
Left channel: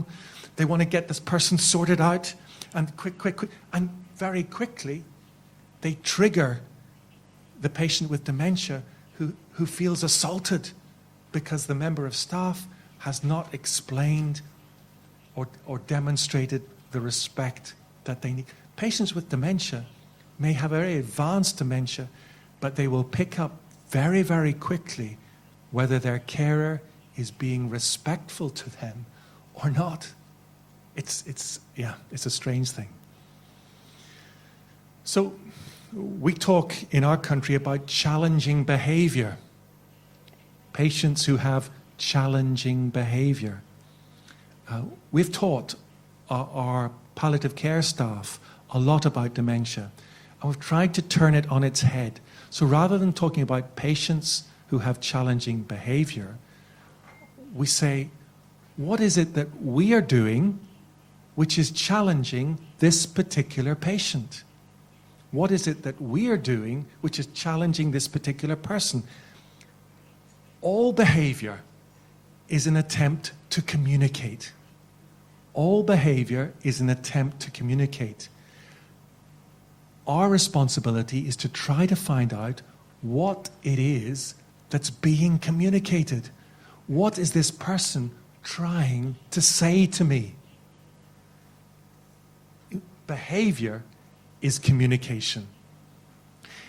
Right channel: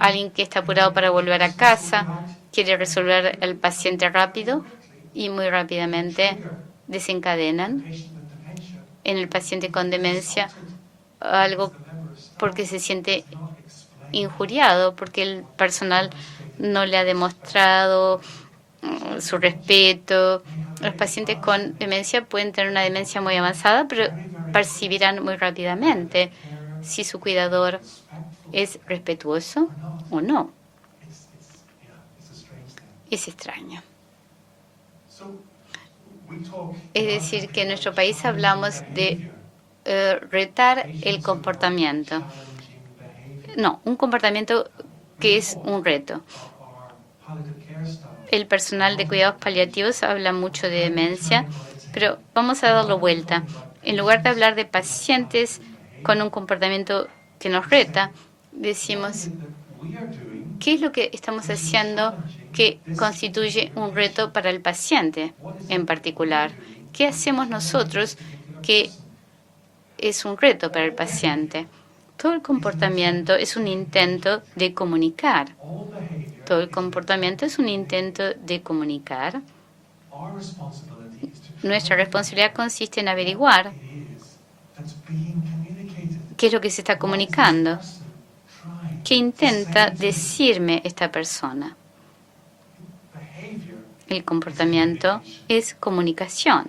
Alguien que está apurado para volver a casa, quiere resolver al paciente rápido y muy rápidamente desencadenan en el paciente con demencia algo porque se siente injuriado, porque el personal no le ha demostrado su respeto. Los pacientes con demencia pueden tener una demencia muy avanzada, pero percibirán muy rápidamente si su cuidador es respetuoso o no. Es extraño. Es decir, que en nuestro país hablamos de retar el comportamiento. No, un comportamiento que es un reto. El personal de cuidados paliativos habla mucho de demencia, pero vamos a darlo vuelta. En lugar de hablar de pacientes con un comportamiento que nos reta, decimos, ¿qué es lo que estamos haciendo que constituye un reto para el paciente en particular? ¿Qué hacemos nosotros que es un reto para el paciente? Todo el comportamiento es un intento de comunicar. Todo el comportamiento es un intento de comunicar. Nuestra responsabilidad consiste en averiguar qué es lo que se está comunicando. ¿Qué intenta decirme esta persona? El comportamiento es comunicación.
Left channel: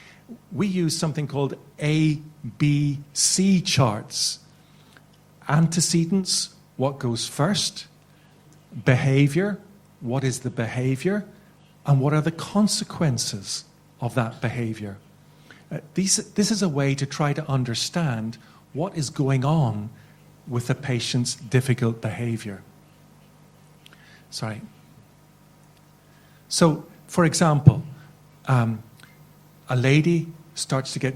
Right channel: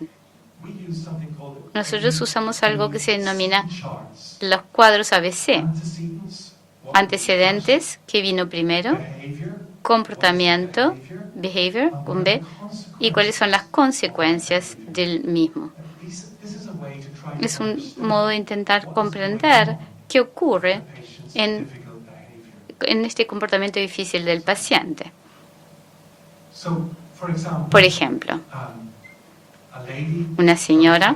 Nosotros usamos algo que se denomina los cuadros ABC. Antecedentes, que vino primero, comportamiento, behavior, un B, y cuáles son las consecuencias del mismo. Es un modo de intentar comprender qué ocurre en este comportamiento difícil del paciente. Por ejemplo, una señora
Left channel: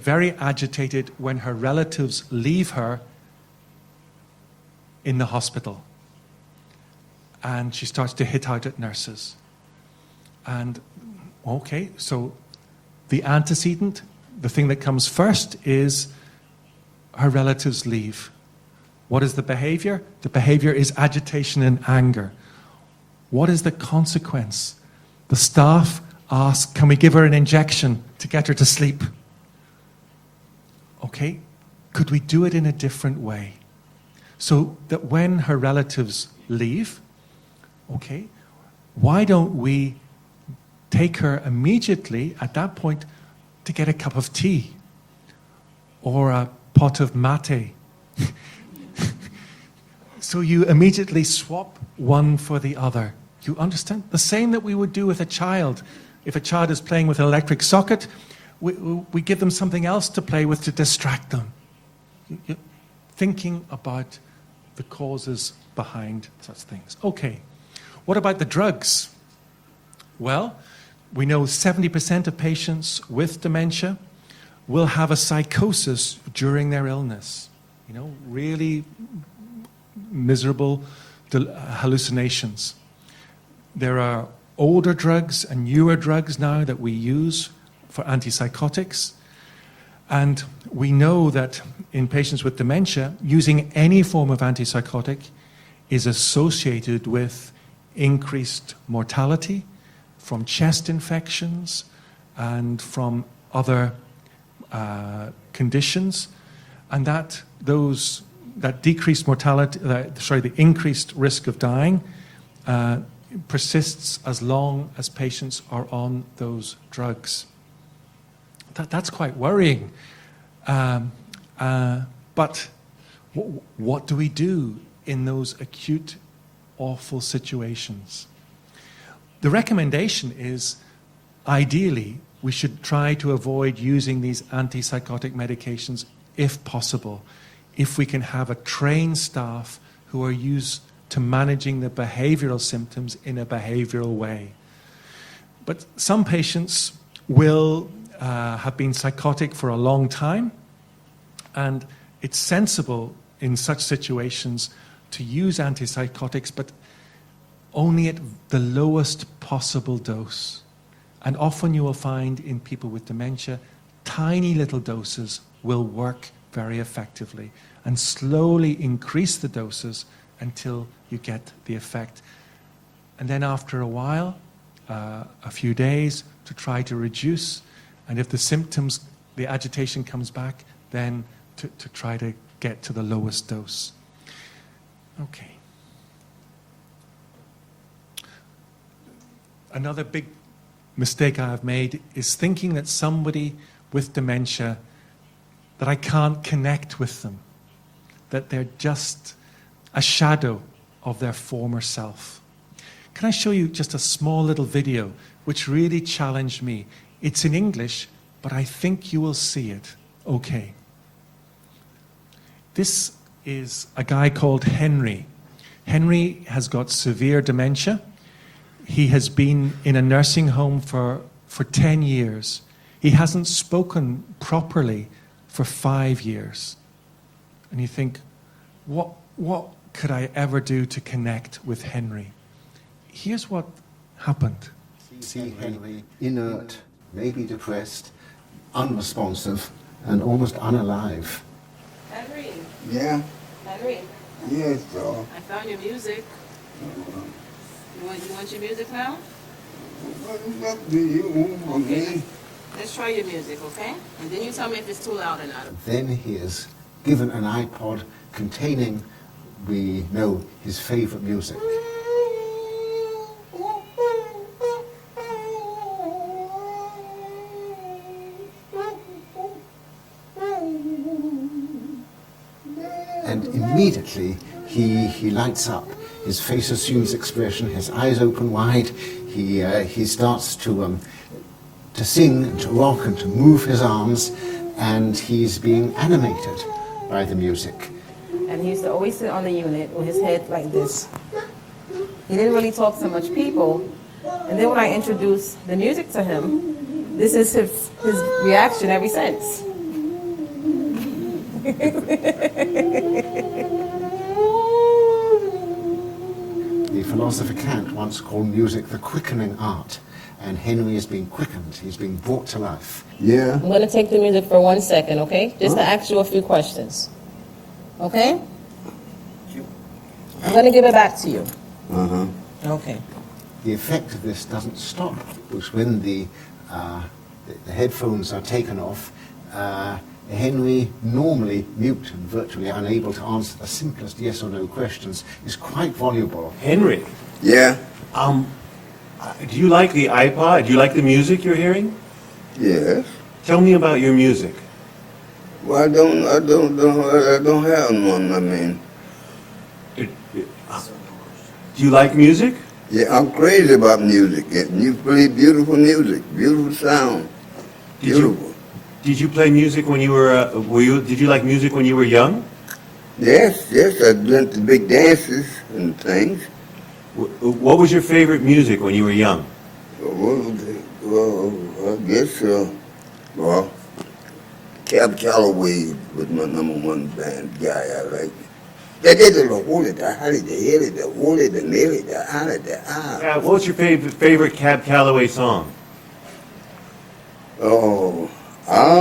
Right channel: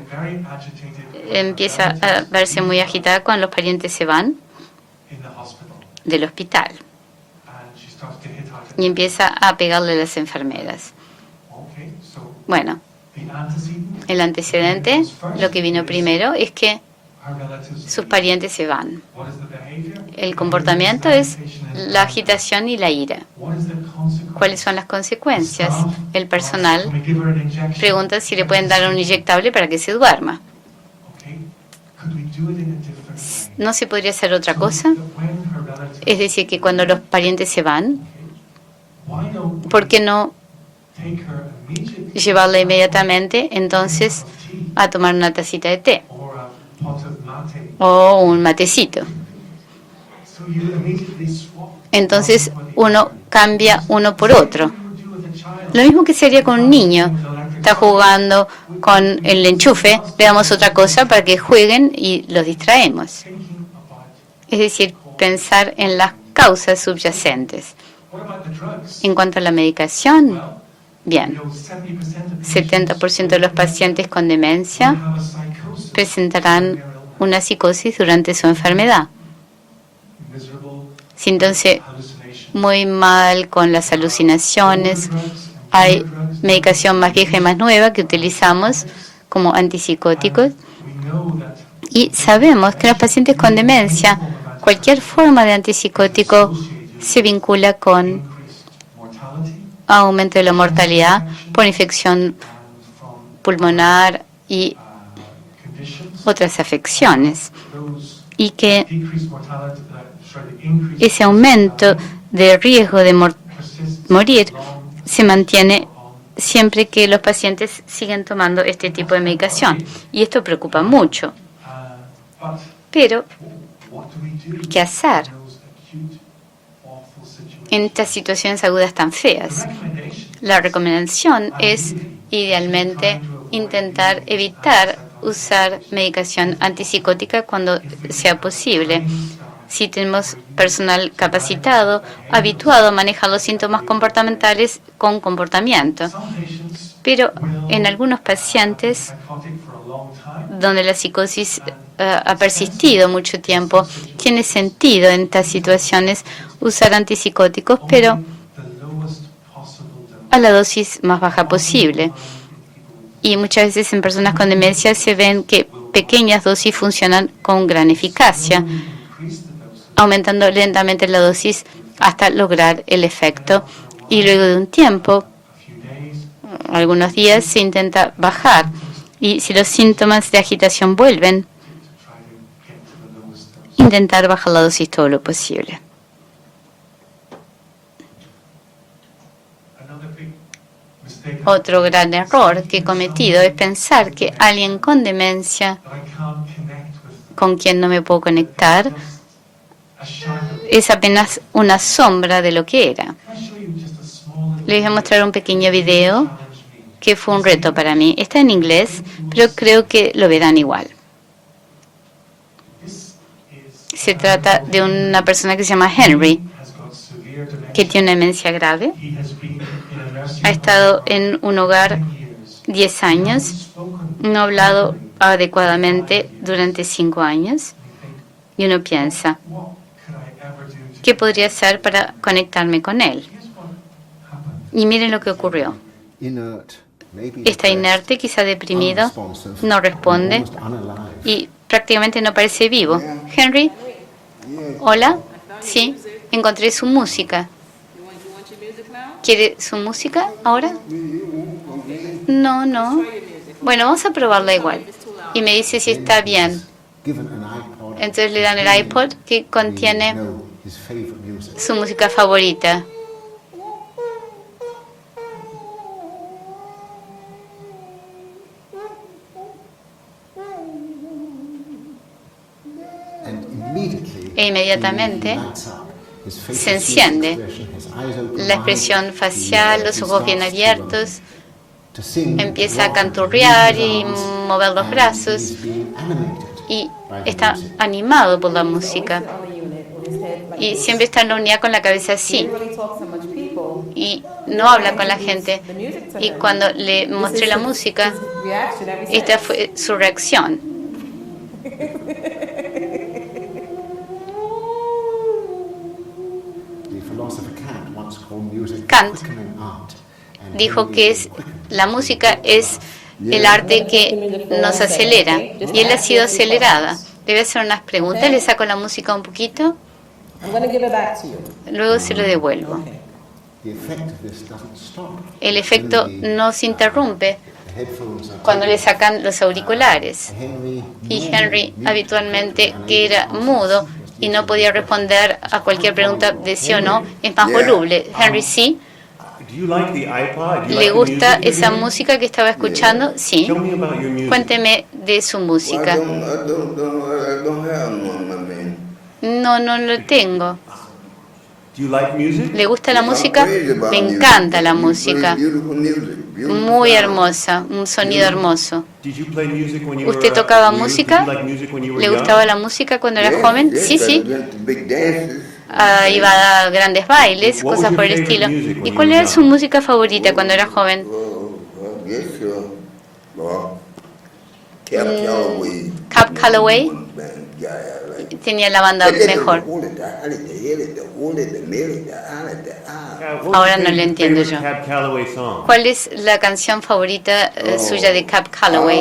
empieza a verse muy agitada cuando los parientes se van del hospital y empieza a pegarle a las enfermeras. Bueno, el antecedente, lo que vino primero, es que sus parientes se van. El comportamiento es la agitación y la ira. ¿Cuáles son las consecuencias? El personal pregunta si le pueden dar un inyectable para que se duerma. ¿No se podría hacer otra cosa? Es decir, que cuando los parientes se van, ¿por qué no llevarla inmediatamente entonces a tomar una tacita de té? O un matecito. Entonces uno cambia uno por otro. Lo mismo que se haría con un niño. Está jugando con el enchufe, le damos otra cosa para que jueguen y los distraemos. Es decir, pensar en las causas subyacentes. En cuanto a la medicación, bien, 70% de los pacientes con demencia presentarán una psicosis durante su enfermedad. Sintiéndose muy mal con las alucinaciones. Hay medicación más vieja y más nueva que utilizamos como antipsicóticos. Y sabemos que los pacientes con demencia, cualquier forma de antipsicótico se vincula con aumento de la mortalidad por infección pulmonar y otras afecciones, y que ese aumento de riesgo de morir se mantiene siempre que los pacientes siguen tomando este tipo de medicación, y esto preocupa mucho. Pero, ¿qué hacer en estas situaciones agudas tan feas? La recomendación es, idealmente, intentar evitar usar medicación antipsicótica cuando sea posible. Si tenemos personal capacitado, habituado a manejar los síntomas comportamentales con comportamiento. Pero en algunos pacientes donde la psicosis ha persistido mucho tiempo, tiene sentido en estas situaciones usar antipsicóticos, pero a la dosis más baja posible. Y muchas veces en personas con demencia se ven que pequeñas dosis funcionan con gran eficacia, aumentando lentamente la dosis hasta lograr el efecto. Y luego de un tiempo, algunos días, se intenta bajar. Y si los síntomas de agitación vuelven, intentar bajar la dosis todo lo posible. Otro gran error que he cometido es pensar que alguien con demencia con quien no me puedo conectar es apenas una sombra de lo que era. Les voy a mostrar un pequeño video que fue un reto para mí. Está en inglés, pero creo que lo verán igual. Se trata de una persona que se llama Henry, que tiene una demencia grave. Ha estado en un hogar 10 años, no ha hablado adecuadamente durante 5 años. Y uno piensa, ¿qué podría hacer para conectarme con él? Y miren lo que ocurrió. Está inerte, quizá deprimido, no responde y prácticamente no parece vivo. Henry, hola, sí, encontré su música. ¿Quiere su música ahora? No, no. Bueno, vamos a probarla igual. Y me dice si está bien. Entonces le dan el iPod que contiene su música favorita. E inmediatamente se enciende. La expresión facial, los ojos bien abiertos, empieza a canturrear y mover los brazos y está animado por la música. Y siempre está en la unidad con la cabeza así. Y no habla con la gente. Y cuando le mostré la música, esta fue su reacción. Kant dijo que la música es el arte que nos acelera, y él ha sido acelerada. Le voy a hacer unas preguntas, le saco la música un poquito, luego se lo devuelvo. El efecto no se interrumpe cuando le sacan los auriculares. Y Henry, habitualmente, que era mudo y no podía responder a cualquier pregunta de sí o no, es más voluble. Henry, sí. ¿Le gusta esa música que estaba escuchando? Sí. Cuénteme de su música. No lo tengo. ¿Le gusta la música? Me encanta la música. Muy hermosa, un sonido hermoso. ¿Usted tocaba música? ¿Le gustaba la música cuando era joven? Sí. Iba a grandes bailes, cosas por el estilo. ¿Y cuál era su música favorita cuando era joven? Cab Calloway tenía la banda mejor. Ahora no lo entiendo yo. ¿Cuál es la canción favorita suya de Cab Calloway?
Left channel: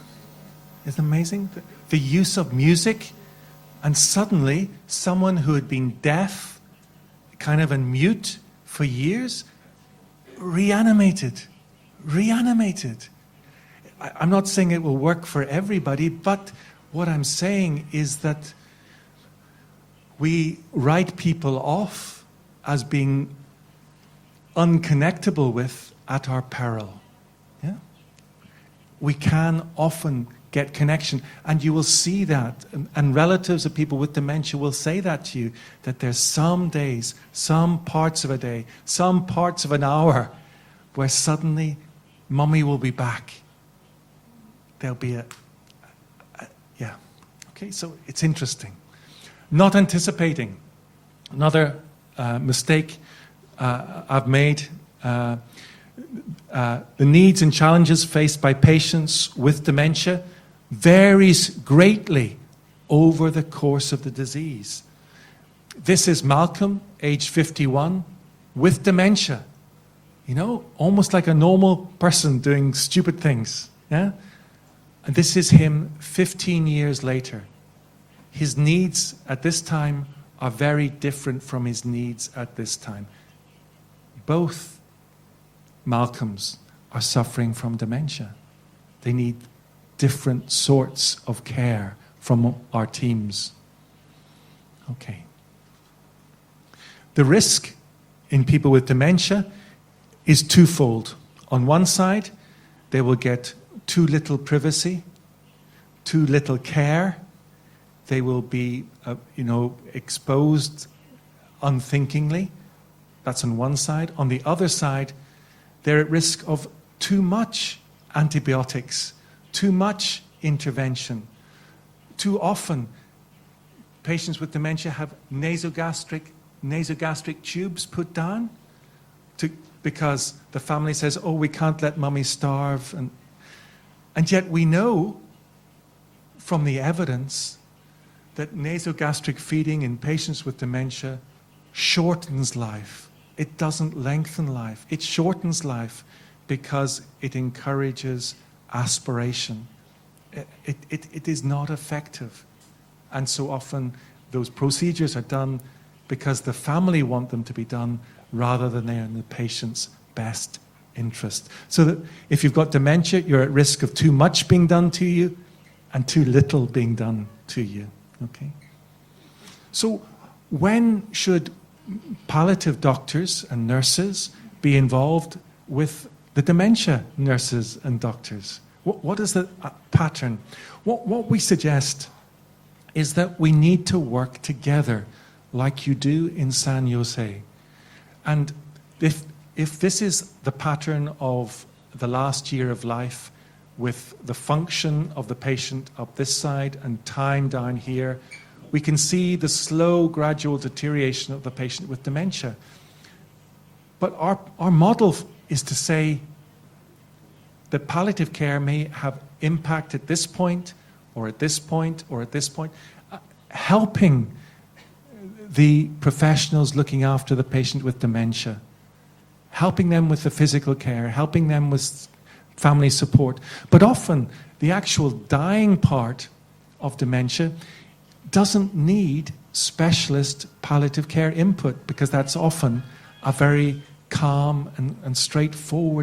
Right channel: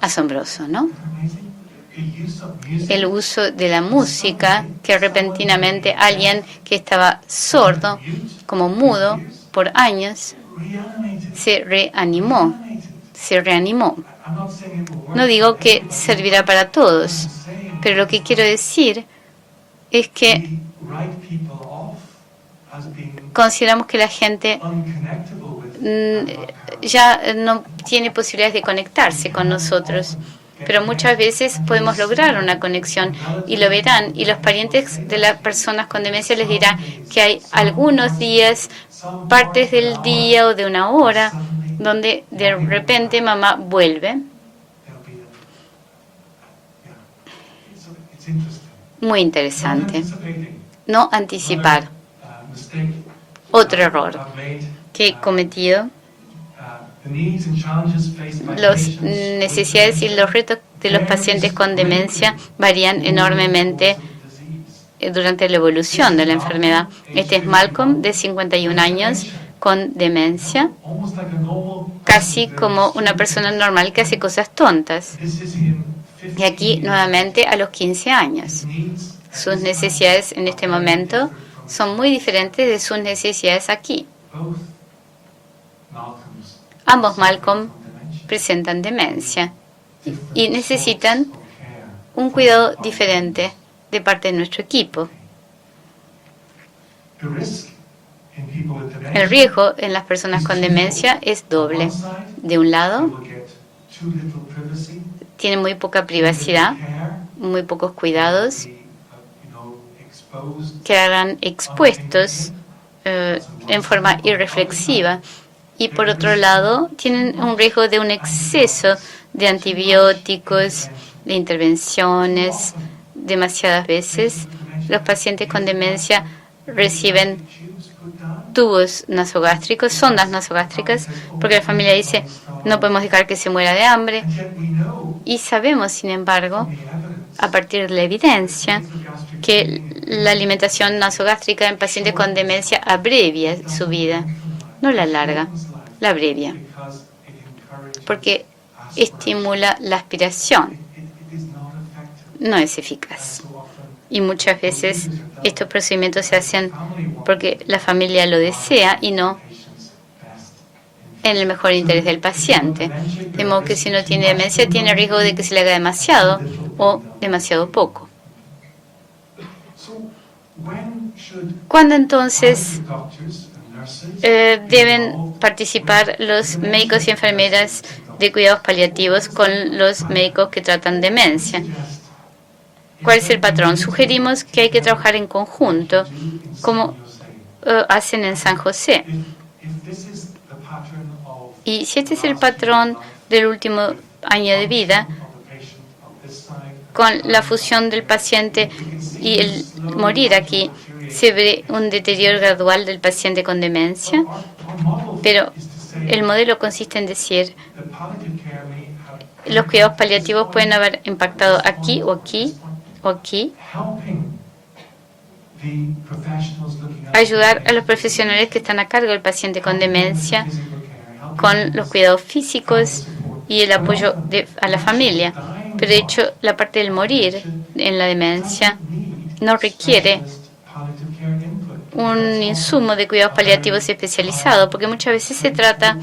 Asombroso, ¿no? El uso de la música, que repentinamente alguien que estaba sordo, como mudo, por años, se reanimó. No digo que servirá para todos, pero lo que quiero decir es que consideramos que la gente ya no tiene posibilidades de conectarse con nosotros. Pero muchas veces podemos lograr una conexión y lo verán. Y los parientes de las personas con demencia les dirán que hay algunos días, partes del día o de una hora, donde de repente mamá vuelve. Muy interesante. No anticipar. Otro error que he cometido. Las necesidades y los retos de los pacientes con demencia varían enormemente durante la evolución de la enfermedad. Este es Malcolm, de 51 años, con demencia, casi como una persona normal que hace cosas tontas. Y aquí, nuevamente, a los 15 años. Sus necesidades en este momento son muy diferentes de sus necesidades aquí. Ambos Malcolm presentan demencia y necesitan un cuidado diferente de parte de nuestro equipo. El riesgo en las personas con demencia es doble. De un lado, tienen muy poca privacidad, muy pocos cuidados, quedarán expuestos en forma irreflexiva. Y por otro lado, tienen un riesgo de un exceso de antibióticos, de intervenciones. Demasiadas veces los pacientes con demencia reciben tubos nasogástricos, sondas nasogástricas, porque la familia dice, no podemos dejar que se muera de hambre. Y sabemos, sin embargo, a partir de la evidencia, que la alimentación nasogástrica en pacientes con demencia abrevia su vida, no la alarga, la abrevia, porque estimula la aspiración. No es eficaz. Y muchas veces estos procedimientos se hacen porque la familia lo desea y no en el mejor interés del paciente. De modo que si no tiene demencia, tiene riesgo de que se le haga demasiado o demasiado poco. ¿Cuándo entonces deben participar los médicos y enfermeras de cuidados paliativos con los médicos que tratan demencia? ¿Cuál es el patrón? Sugerimos que hay que trabajar en conjunto, como hacen en San José. Y si este es el patrón del último año de vida, con la fusión del paciente y el morir aquí, se ve un deterioro gradual del paciente con demencia. Pero el modelo consiste en decir, los cuidados paliativos pueden haber impactado aquí o aquí o aquí, ayudar a los profesionales que están a cargo del paciente con demencia con los cuidados físicos y el apoyo a la familia. Pero de hecho, la parte del morir en la demencia no requiere un insumo de cuidados paliativos especializado, porque muchas veces se trata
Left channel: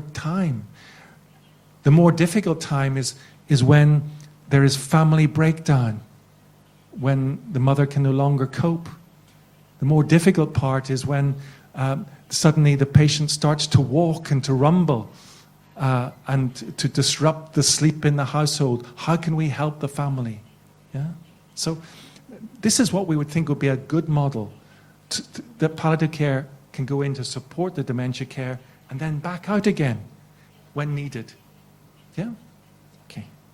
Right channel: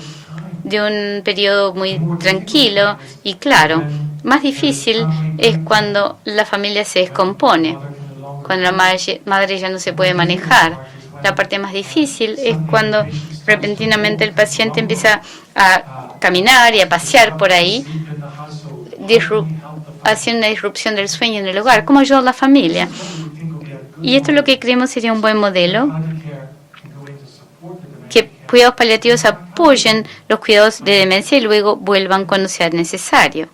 de un periodo muy tranquilo y claro. Más difícil es cuando la familia se descompone, cuando la madre ya no se puede manejar. La parte más difícil es cuando repentinamente el paciente empieza a caminar y a pasear por ahí, haciendo una disrupción del sueño en el hogar. ¿Cómo ayuda a la familia? Y esto es lo que creemos sería un buen modelo, que cuidados paliativos apoyen los cuidados de demencia y luego vuelvan cuando sea necesario.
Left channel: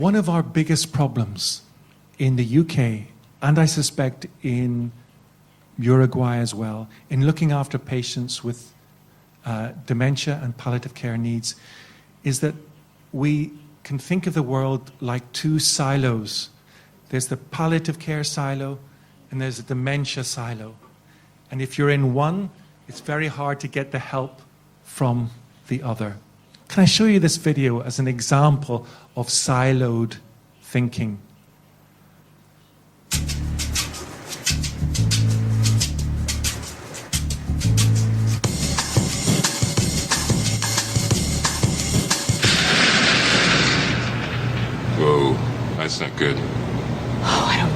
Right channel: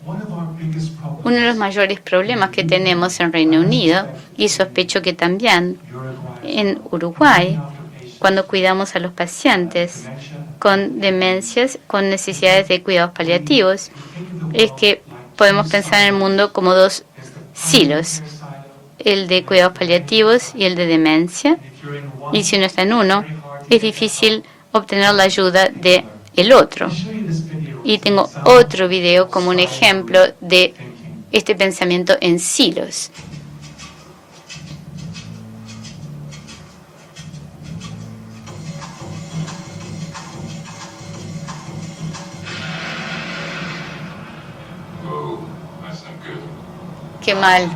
Uno de los mayores problemas que tenemos en Reino Unido, y sospecho que también en Uruguay, cuando cuidamos a los pacientes con demencias, con necesidades de cuidados paliativos, es que podemos pensar en el mundo como dos silos, el de cuidados paliativos y el de demencia, y si uno está en uno, es difícil obtener la ayuda de el otro. Y tengo otro video como un ejemplo de este pensamiento en silos. Whoa, I Qué mal.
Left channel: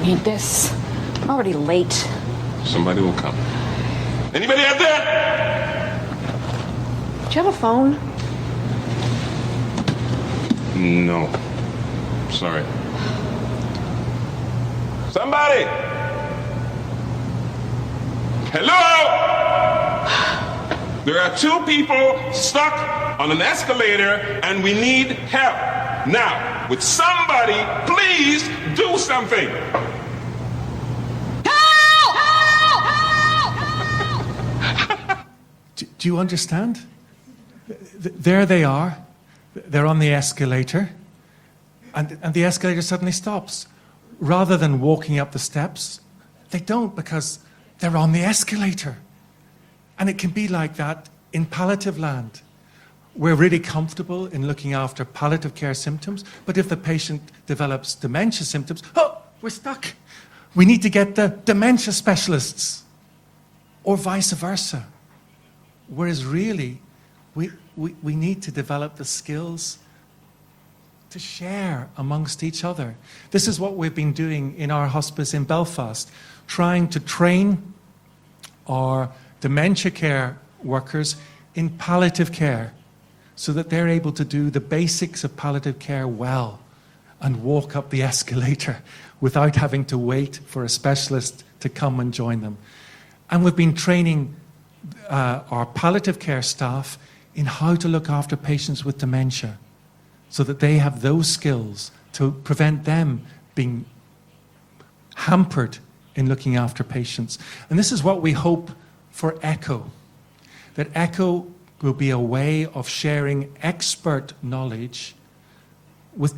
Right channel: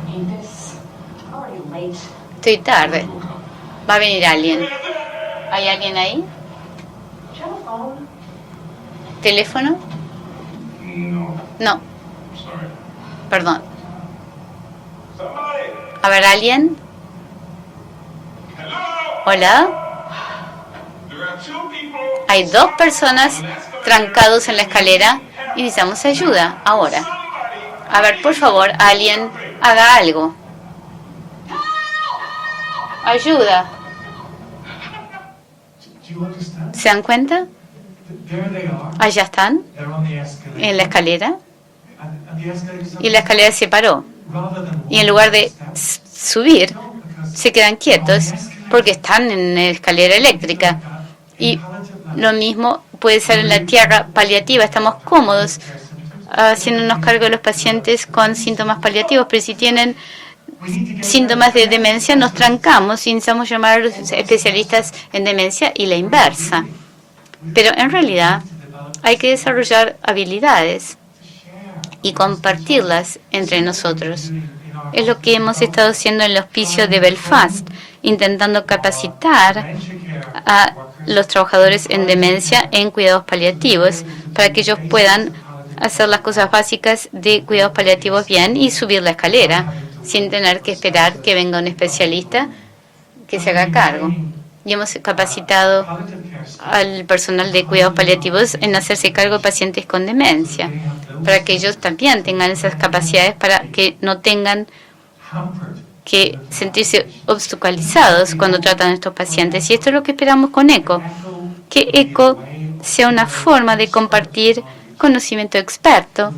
Estoy tarde. Va a venir alguien. ¿Hay alguien ahí? ¿Teléfono? No. No. Sorry. Perdón. Somebody. A ver, ¿alguien? Hello. Hola. Hay dos personas trancados en la escalera y necesitamos ayuda ahora. A ver, por favor, alguien haga algo. Ayuda. ¿Se dan cuenta? Allá están, en la escalera, y la escalera se paró. Y en lugar de subir, se quedan quietos porque están en la escalera eléctrica. Y lo mismo puede ser en la tierra paliativa. Estamos cómodos haciéndonos cargo de los pacientes con síntomas paliativos, pero si tienen síntomas de demencia nos trancamos y necesitamos llamar a los especialistas en demencia y la inversa. Pero en realidad hay que desarrollar habilidades y compartirlas entre nosotros. Es lo que hemos estado haciendo en el hospicio de Belfast, intentando capacitar a los trabajadores en demencia en cuidados paliativos para que ellos puedan hacer las cosas básicas de cuidados paliativos bien y subir la escalera sin tener que esperar que venga un especialista que se haga cargo. Y hemos capacitado al personal de cuidados paliativos en hacerse cargo de pacientes con demencia, para que ellos también tengan esas capacidades para que no tengan que sentirse obstaculizados cuando tratan a estos pacientes. Y esto es lo que esperamos con ECHO, que ECHO sea una forma de compartir conocimiento experto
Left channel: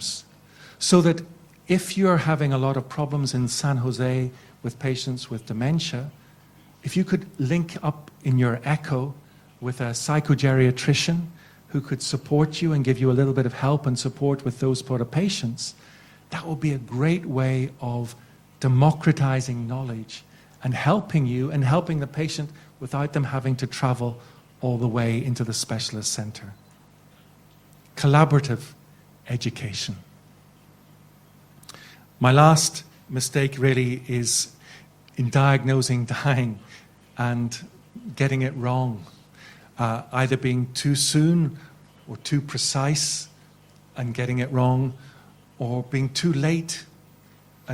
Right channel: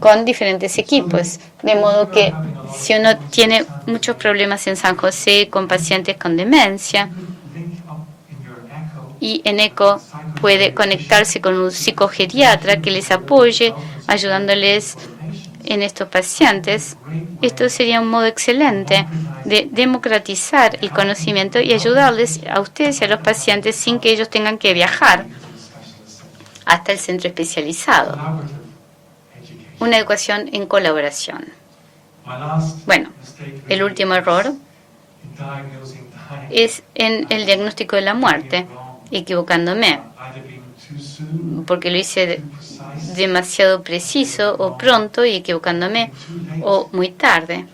con diferentes equipos. De modo que si uno tiene muchos problemas en San José con pacientes con demencia, y en ECHO puede conectarse con un psicogeriatra que les apoye, ayudándoles en estos pacientes, esto sería un modo excelente de democratizar el conocimiento y ayudarles a ustedes y a los pacientes sin que ellos tengan que viajar hasta el centro especializado. Una educación en colaboración. Bueno, el último error es en el diagnóstico de la muerte, equivocándome, porque lo hice demasiado preciso o pronto y equivocándome, o muy tarde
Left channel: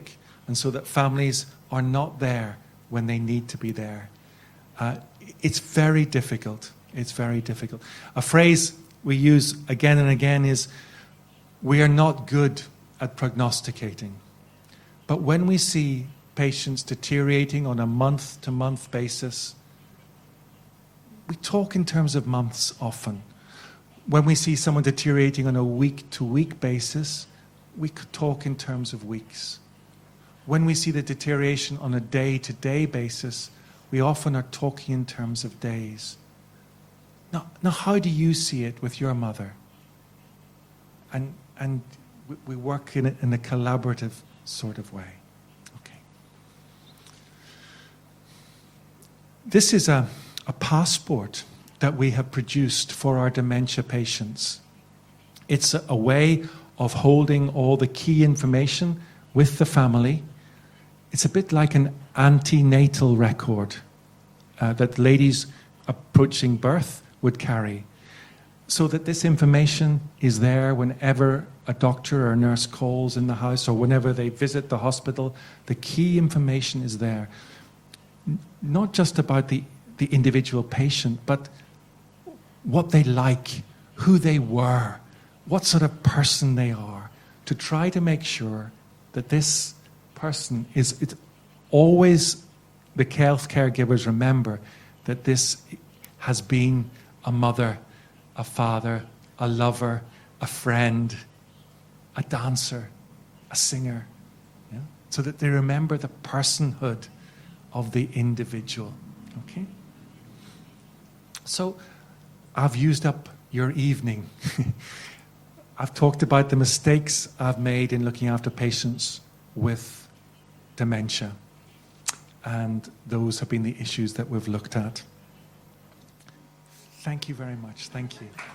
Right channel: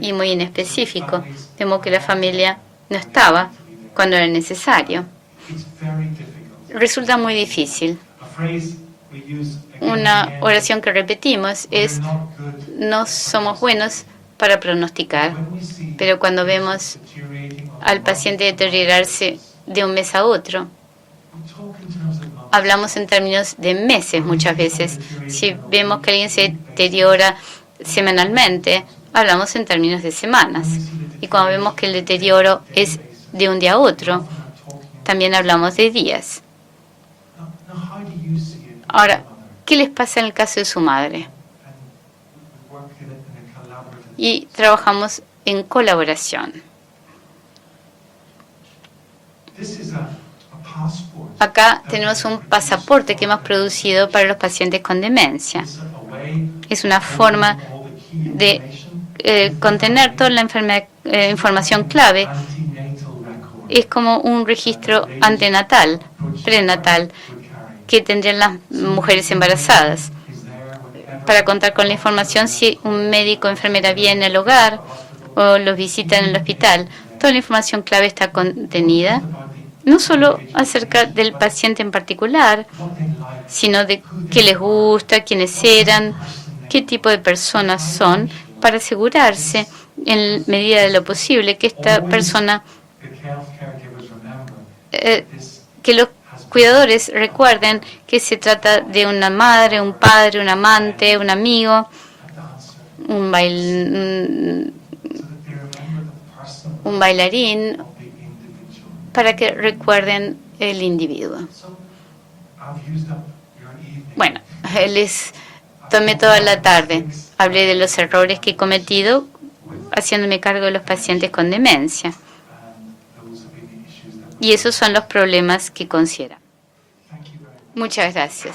y muy inespecífico, de modo que la familia no estaba cuando era necesario. Resulta muy difícil. Una oración que repetimos es: no somos buenos para pronosticar, pero cuando vemos al paciente deteriorarse de un mes a otro, hablamos en términos de meses muchas veces. Si vemos que alguien se deteriora semanalmente, hablamos en términos de semanas. Y cuando vemos que el deterioro es de un día a otro, también hablamos de días. Ahora, ¿qué les pasa en el caso de su madre? Y trabajamos en colaboración. Acá tenemos un pasaporte que hemos producido para los pacientes con demencia. Es una forma de contener toda la información clave. Es como un registro antenatal, prenatal, que tendrían las mujeres embarazadas. Para contar con la información si un médico o enfermera viene al hogar o los visita en el hospital, toda la información clave está contenida. No solo acerca del paciente en particular, sino de qué les gusta, quiénes eran, qué tipo de personas son, para asegurarse, en medida de lo posible, que esta persona, que los cuidadores recuerden que se trata de una madre, un padre, un amante, un amigo, un bailarín, para que recuerden el individuo. Bueno, les tomé toda la tarde. Hablé de los errores que he cometido haciéndome cargo de los pacientes con demencia. Y esos son los problemas que considero. Muchas gracias.